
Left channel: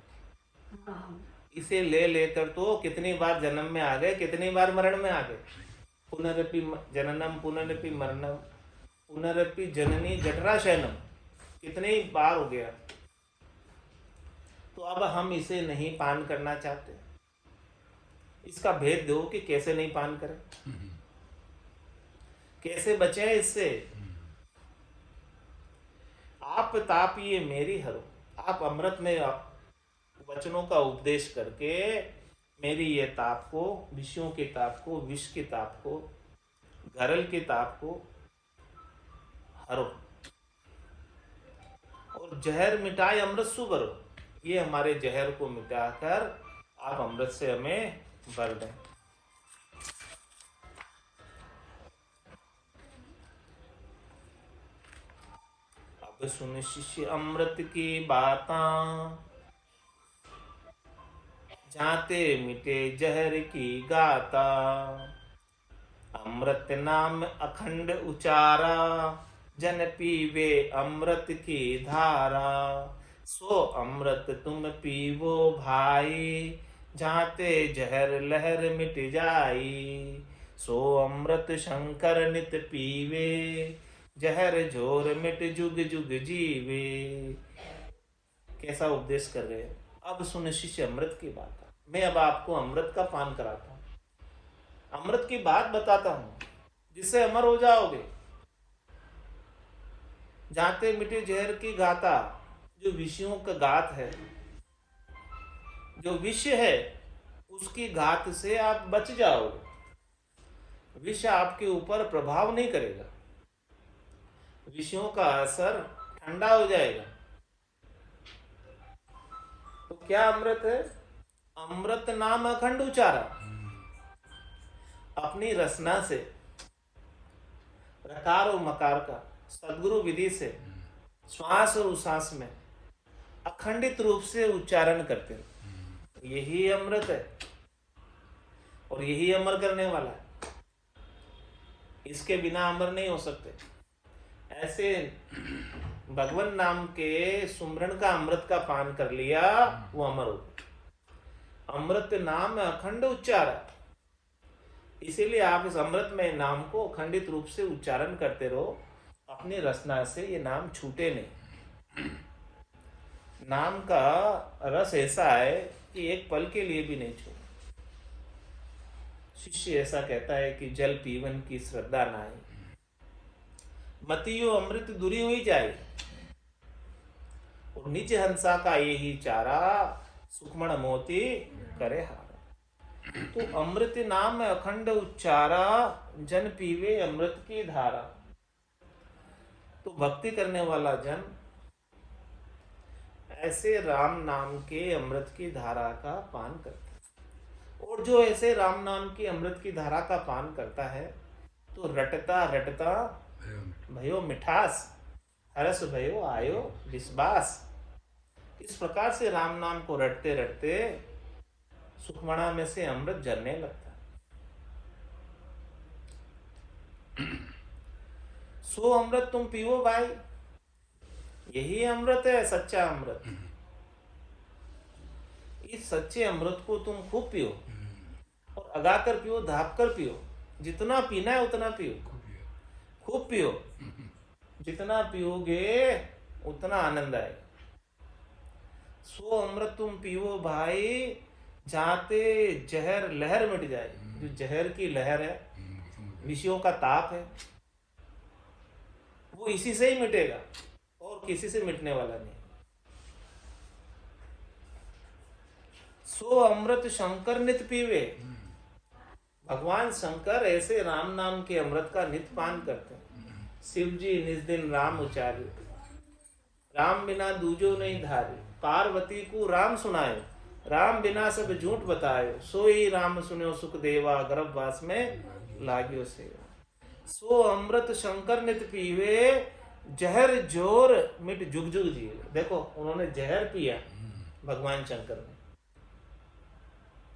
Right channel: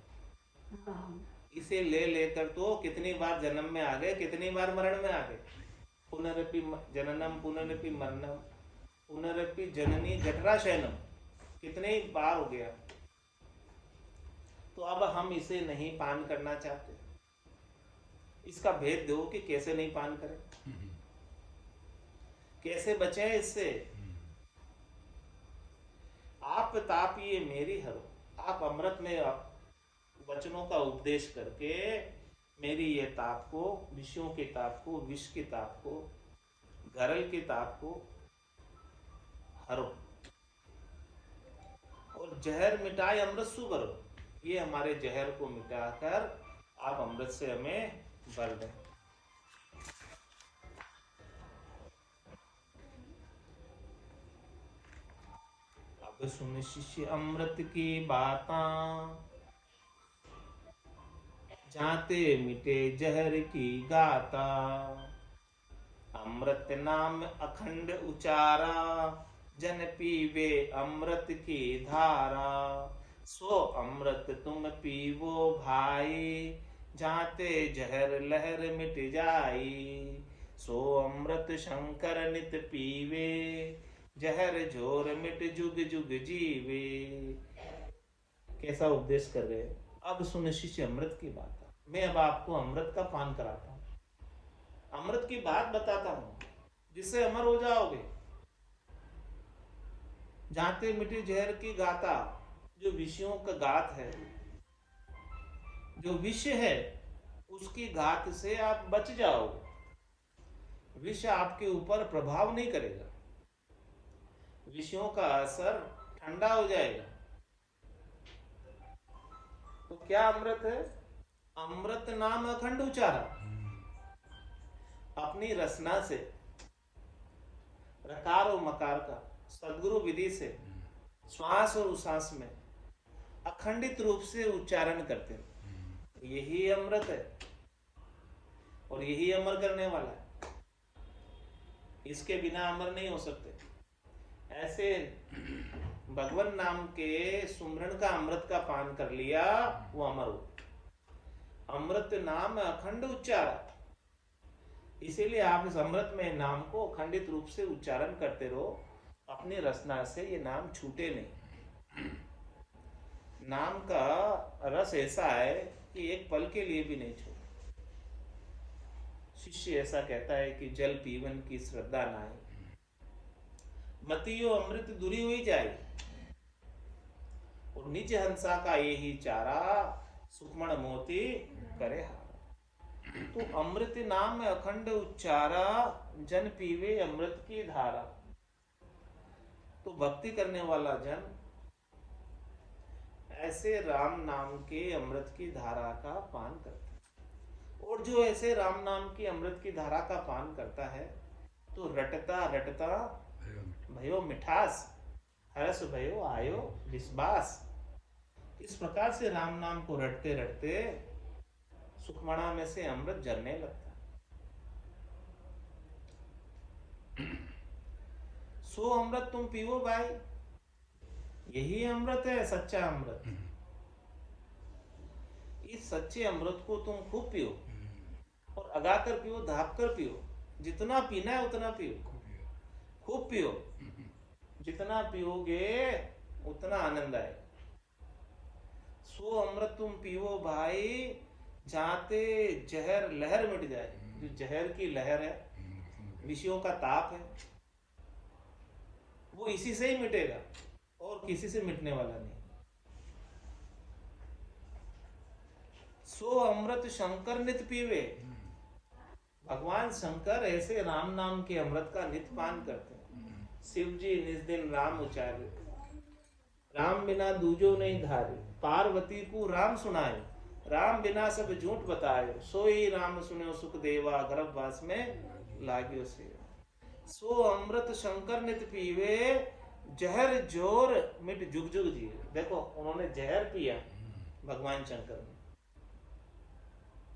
इसे ले लेकर तो कितनी बार जन्म में आ गए, कितनी बार मरण में आ गए। पुनरपि जननम पुनरपि मरणम पुनरपि जननी जठरा शयनम, कितने ही बार हो गया। तो अब हम इसे नहीं पान करना चाहते। इसका भेद दो कि कैसे नहीं पान करें, कैसे बचे इससे। आप ताप ये मेरी हरो, आप अमृत में वचनों का उपदेश करके मेरी ये ताप को, विषयों के ताप को, विष के ताप को, गरल के ताप को हरो और जहर मिटाए अमृत सुभरो। ये हमारे जहर को मिटाकर आप अमृत से हमें भर दें। अब सुन शिष्य अमृत की बातां, जाते मिटे जहर की गाता। अमृत नाम अखंड उचारा, जन पीवे अमृत की धारा। सो अमृत तुम पीवो भाई, जाते जहर लहर मिट जाई। सो अमृत शंकर नित पीवे, जहर झोर मिट जुग जुग जीवे। कैसा उपदेश कर रहे हो। अब सुन शिष्य अमृत की बात। मैं अब आपको अमृत का पान कराता हूं, अमृत की बात बताता हूं जिससे अमर हो जाओगे। जाते मिटे जहर की गाता, जो विषयों का गात है, जो विष है, उसकी घात से आप बच जाओगे। विष आपके ऊपर प्रभाव नहीं करेगा, विषयों का असर ठंडा हो जाएगा। तो क्या अमृत है। अमृत नाम अखंड उचारा, अपनी रसना से, रकार और मकार का सदगुरु विधि से श्वास और उश्वास में अखंडित रूप से उच्चारण करते रहो। यही अमृत है और यही अमर करने वाला है। इसके बिना अमर नहीं हो सकते। ऐसे भगवान नाम के सुमरण का अमृत का पान कर लिया, वो अमर हो। अमृत नाम अखंड उच्चारण, इसीलिए आप इस अमृत में नाम को अखंडित रूप से उच्चारण करते रहो। अपनी रसना से ये नाम छूटे नहीं। नाम का रस ऐसा है कि एक पल के लिए भी नहीं छूटे। शिष्य ऐसा कहता है कि जल पीवन की श्रद्धा नाही, मतियो अमृत दूरी हुई जाए। और निज हंसा का यही चारा, सुखमण मोती करे हारा। तो अमृत नाम अखंड उच्चारा, जन पीवे अमृत की धारा। तो भक्ति करने वाला जन ऐसे राम नाम के अमृत की धारा का पान करता है। और जो ऐसे राम नाम की अमृत की धारा का पान करता है, तो रटता रटता भयो मिठास, हरस भयो आयो विश्वास। इस प्रकार से राम नाम को रटते रटते सुखमणा में से अमृत झरने लगता है। सो अमृत तुम पीओ भाई, यही अमृत है, सच्चा अमृत। इस सच्चे अमृत को तुम खूब पियो और अगाकर पियो, धाप कर पियो। जितना पीना है उतना पियो, खूब पियो। जितना पियोगे उतना आनंद आएगा। सो अमृत तुम पियो भाई, जाते जहर लहर मिट जाए। जो जहर की लहर है, विषयों का ताप है, वो इसी से ही मिटेगा और किसी से मिटने वाला नहीं। सो अमृत शंकर नित पीवे, भगवान शंकर ऐसे राम नाम के अमृत का नित पान करते हैं। शिव जी निज दिन राम उचारे, राम बिना दूजो नहीं धारे। पार्वती को राम सुनाए, राम बिना सब झूठ बताए। सोई राम सुनो सुख देवा, गर्भवास में लाग्यो सेवा। सो अमृत शंकर नित पीवे, जहर जोर मिट जुग जुग जीवे। देखो उन्होंने जहर पिया भगवान शंकर ने,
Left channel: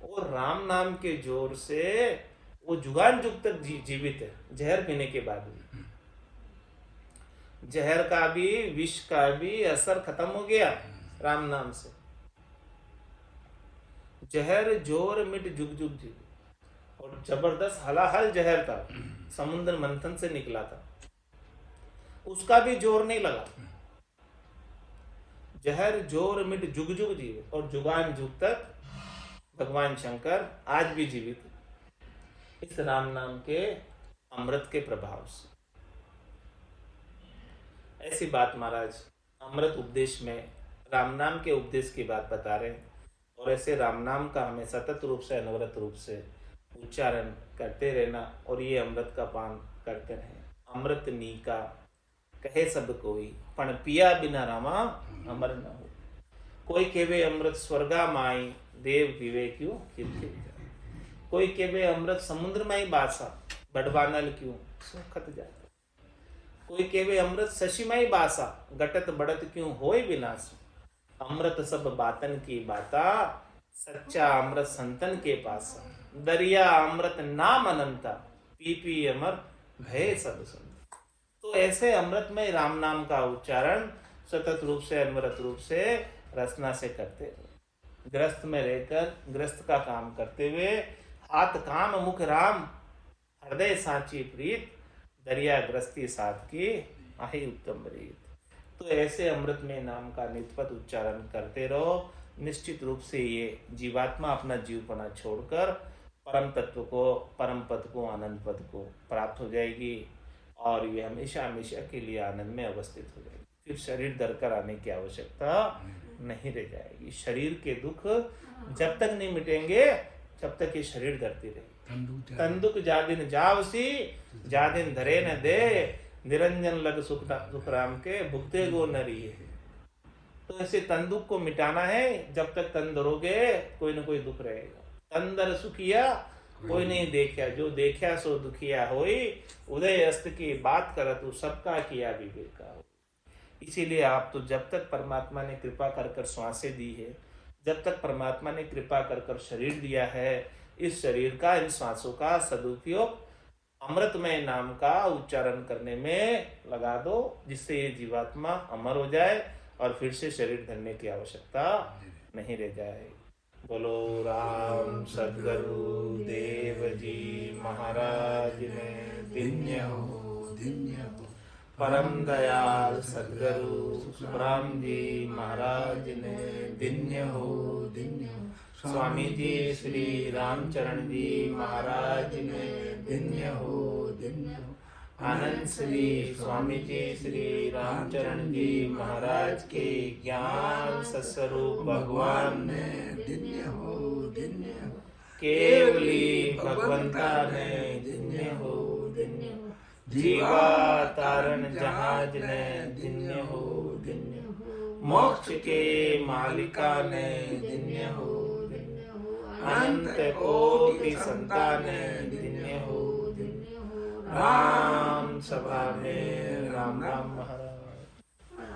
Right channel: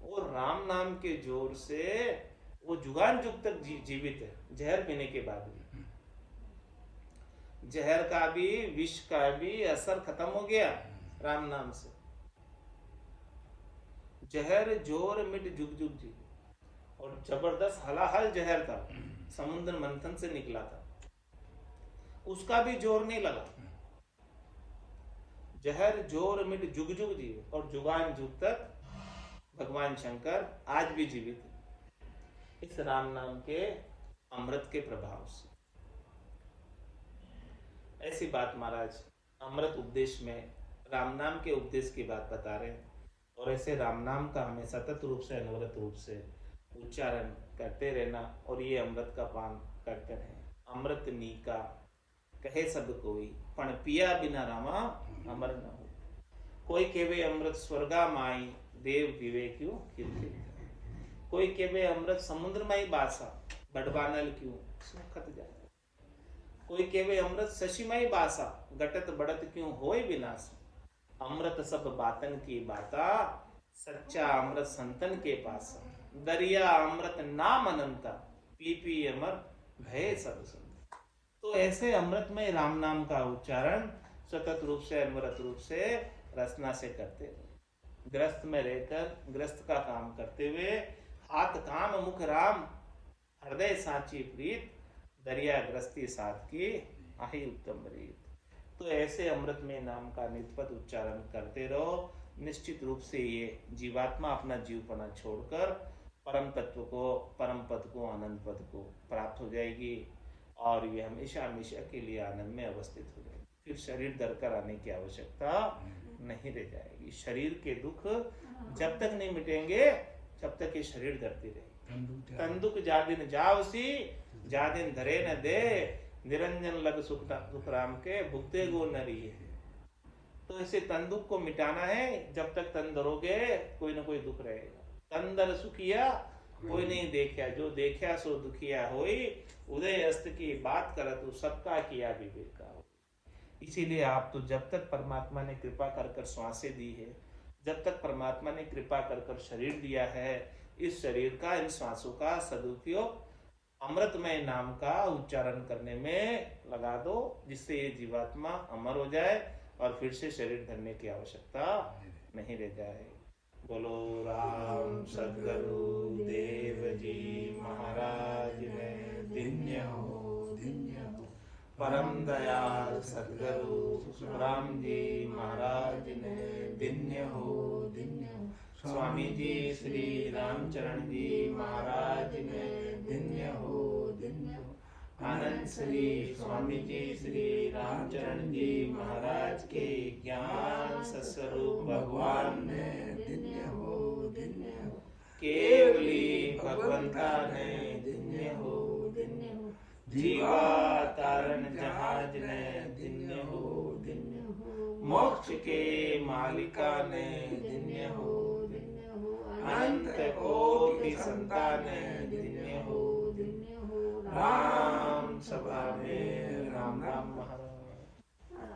और राम नाम के जोर से वो जुगान जुग तक जीवित है। जहर पीने के बाद भी जहर का भी, विष का भी असर खत्म हो गया राम नाम से। जहर जोर मिट जुग जुग जी। और जबरदस्त हलाहल जहर था, समुद्र मंथन से निकला था, उसका भी जोर नहीं लगा। जहर जोर मिट जुग जुग जीवे, और जुगान जुग तक भगवान शंकर आज भी जीवित है इस राम नाम के अमृत के प्रभाव से। ऐसी बात महाराज अमृत उपदेश में राम नाम के उपदेश की बात बता रहे हैं। और ऐसे राम नाम का हमें सतत रूप से अनवरत रूप से उच्चारण करते रहना और ये अमृत का पान करते रहें। अमृत नीका कहे सब कोई, पण पिया बिना रामा अमर न हो। कोई केवे अमृत स्वर्गा माई, देव पीवे क्यों कीर्ति। कोई केवे अमृत समुद्र माई बासा, बड़वानल क्यों सुखत जाता। कोई केवे अमृत शशिमाई बासा, घटत बढ़त क्यों होए विनाश। अमृत सब बातन की बाता, सच्चा अमृत संतन के पास। दरिया अमृत नाम अनंता, पी पी अमर भय सब संत। तो ऐसे अमृत में राम नाम का उच्चारण सतत रूप से अनवरत रूप से रचना से करते हो। ग्रस्त में रहकर ग्रस्त का काम करते हुए, हाथ काम मुख राम, हृदय साची प्रीत, दरिया ग्रस्ती साथ की आही उत्तम रीत। तो ऐसे अमृत में नाम का नित्यपत उच्चारण करते रहो। निश्चित रूप से ये जीवात्मा अपना जीवपना छोड़कर परम तत्व को, परम पद को, आनंद पद को प्राप्त हो जाएगी और ये हमेशा हमेशा के लिए आनंद में अवस्थित हो जाएगी। फिर शरीर धर कर आने की आवश्यकता नहीं रह जाएगी। शरीर के दुख जब तक नहीं मिटेंगे जब तक ये शरीर धरती रहेगी। तंदुक जा दिन जावसी, जा दिन धरे न दे, निरंजन लग सुख राम के, भुगते गो नरी है। तो ऐसे तंदुक को मिटाना है। जब तक तन धरोगे कोई ना कोई दुख रहेगा। तंदर सुखिया कोई नहीं देखा, जो देखा सो दुखिया होई। उदय अस्त की बात कर तू, सबका किया विवेका हो। इसीलिए आप तो जब तक परमात्मा ने कृपा कर कर श्वासें दी है, जब तक परमात्मा ने कृपा कर कर शरीर दिया है, इस शरीर का, इन श्वासों का सदुपयोग अमृतमय नाम का उच्चारण करने में लगा दो, जिससे ये जीवात्मा अमर हो जाए और फिर से शरीर धरने की आवश्यकता नहीं रह जाए। बोलो राम सद्गुरु देव जी महाराज ने दिन्य हो, दिन्य हो। परम दयाल सद्गुरु राम जी महाराज ने दिन्य हो, दिन्य हो। स्वामी जी श्री रामचरण जी महाराज ने दिन्य हो, दिन्य हो। आनंद श्री स्वामी जी श्री रामचरण जी महाराज के ज्ञान सस्वरूप भगवान ने दिन्य हो, दिन्य हो। केवली भगवंता ने दिन्य हो, दिन्य हो। जीवा तारण जहाज ने दिन्य हो, दिन्य हो। मोक्ष के मालिका ने दिन्य हो, दिन्य हो। अनंत कोटि संतान ने दिन्य हो, दिन्य हो। राम सभा में